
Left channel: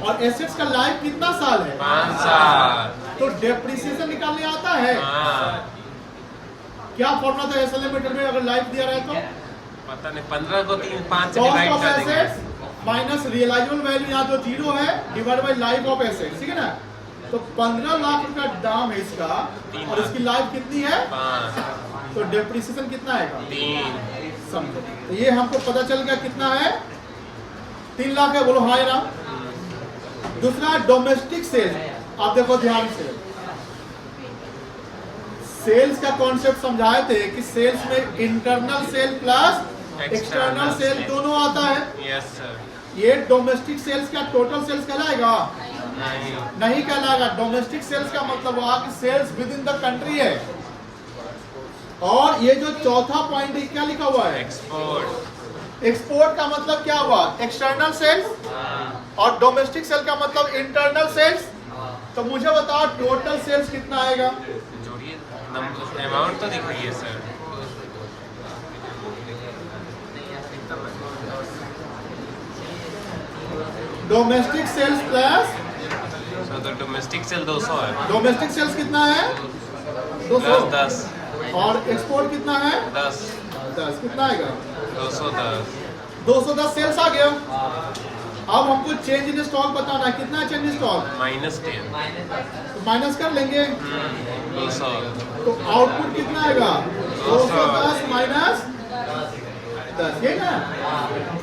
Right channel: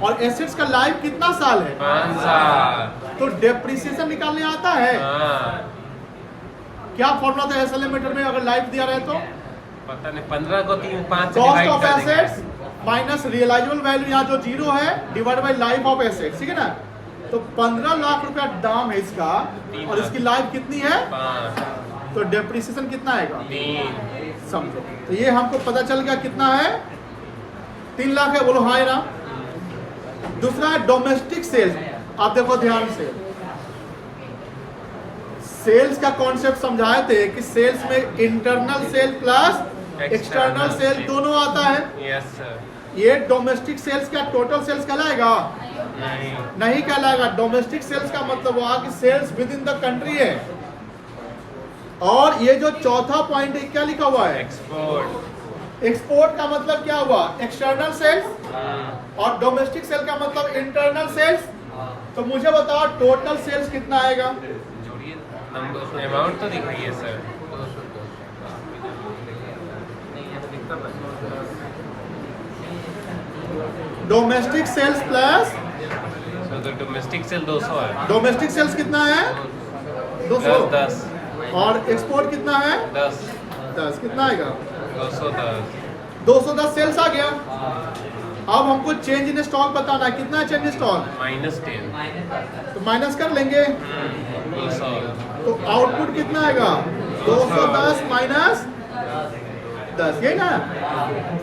और एसेट्स का लाइफ कितना साल है? 5 साल। तो डेप्रिसिएशन निकालने आता है? हाँ। क्या फॉर्मूला था एसएलएम मीटर में अगर लाइफ दिया रहे तो? पता नहीं, 15 को 5 से कॉस्ट डिवाइड ऑफ कर देंगे। एसेट्स माइनस रियलाइजेबल वैल्यू, यहाँ जो जीरो है, divide by life of assets, ठीक है ना? तो 15 लाख रुपया दाम है इसका, और इसकी लाइफ कितनी है? 5। तो डेप्रिसिएशन कितना आएगा? 3। समझो। तो ये हमको पता चल गया कितना है? 3 लाख है। बोलो हाँ या ना? दूसरा है डोमेस्टिक सेल्स। आप देखो ध्यान से, सेल्स का कॉन्सेप्ट समझाए थे कि सेल्स में internal sale plus external sale दोनों आता है। Yes sir. ये डोमेस्टिक सेल्स का टोटल सेल्स कहलाएगा? नहीं। नहीं कहलाएगा। डोमेस्टिक सेल्स का मतलब वहां की sales within the country है। और ये जो चौथा पॉइंट है क्या लिखा हुआ है? एक्सपोर्ट। एक्सपोर्ट का मतलब क्या हुआ? External sales. और डोमेस्टिक सेल का मतलब इंटरनल सेल्स। तो मुझे बताओ टोटल सेल्स कितना आएगा? जोड़िए, नंबर अमाउंट तो दिखाइए sir. Domestic sales plus domestic sale 200 है। डोमेस्टिक सेल्स कितना है? 200। 10 और एक्सपोर्ट कितना है? 10 10। कितना आएगा? 210 210 सेल्स आ गया। अब हमको चेंज इन स्टॉक बताना है, कितना है चेंज इन स्टॉक? -10 तो माइनस कर लेंगे 200 तो आउटपुट कितना आएगा? 210 माइनस 10, ये ना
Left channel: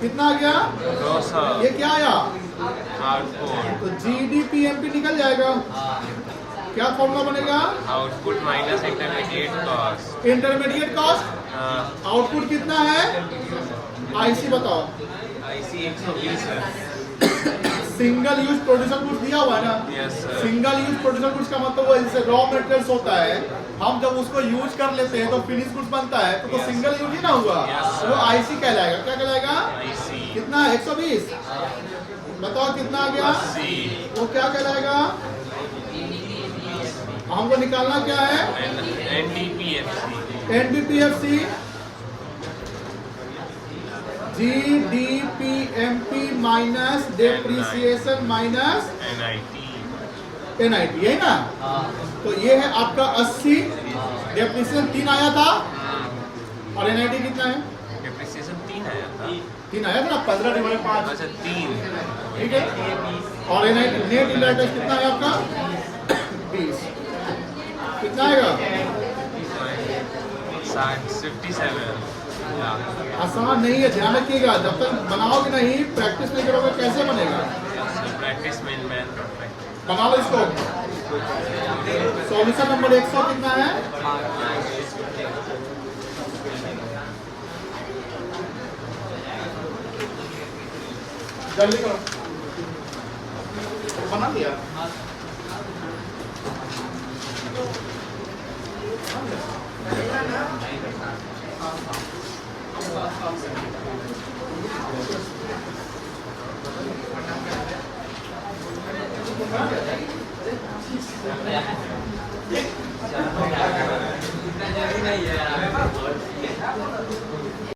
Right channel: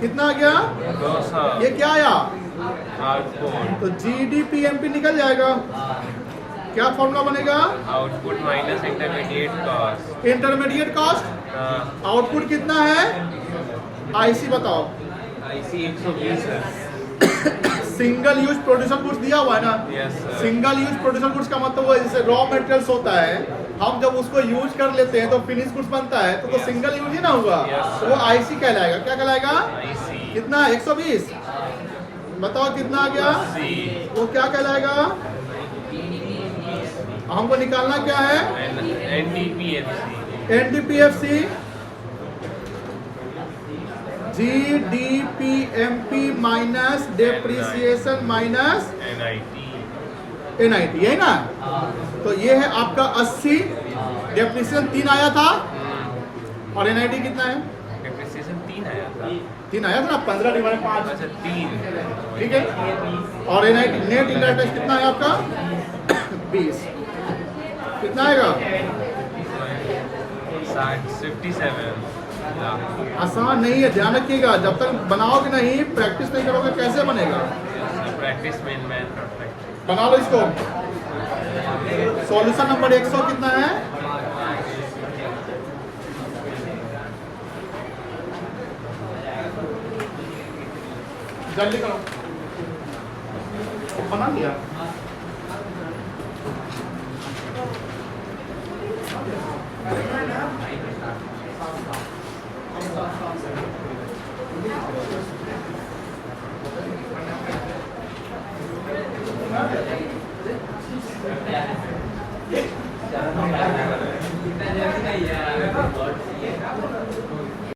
कितना आ गया? 200 ये क्या आया? आउटपुट तो GDPMP निकल जाएगा। क्या फॉर्मूला बनेगा? Output minus intermediate cost. Intermediate cost. Output कितना है? IC बताओ। IC 120 है। सिंगल यूज प्रोड्यूसर गुड्स दिया हुआ है ना? Yes sir. Single use producer goods का मतलब वो जैसे रॉ मटेरियल्स होता है, हम जब उसको यूज कर लेते हैं तो फिनिश गुड्स बनता है, तो Yes. सिंगल यूज ही ना होगा। Yes, तो वो sir. IC कहलाएगा। क्या कहलाएगा? IC कितना? 120। बताओ कितना आ गया? 80 वो क्या कहलाएगा? हमको निकालना क्या है? NDPFC NDPFC GDPMP minus depreciation minus NIT NIT, यही ना? तो ये है आपका 80। डेप्रिसिएशन 3 आया था और NIT कितना है? डेप्रिसिएशन 3 आया था। 3 आया था ना, 15 डिवाइड 5। अच्छा 3 ठीक है। और NIT नेट इंटरेस्ट टैक्स कितना है आपका? 20। कितना आएगा? 57 लाख। आसान नहीं है, ध्यान रखिएगा। जब तक बनाओगे नहीं, प्रैक्टिस नहीं करोगे, कैसे बनेगा? प्रैक्टिस में मैथ नॉट प्रैक्टिस। बना लो इसको। सॉल्यूशन नंबर 100 कितना है? जल्दी करो। बना दिया। इतना जल्दी नहीं है।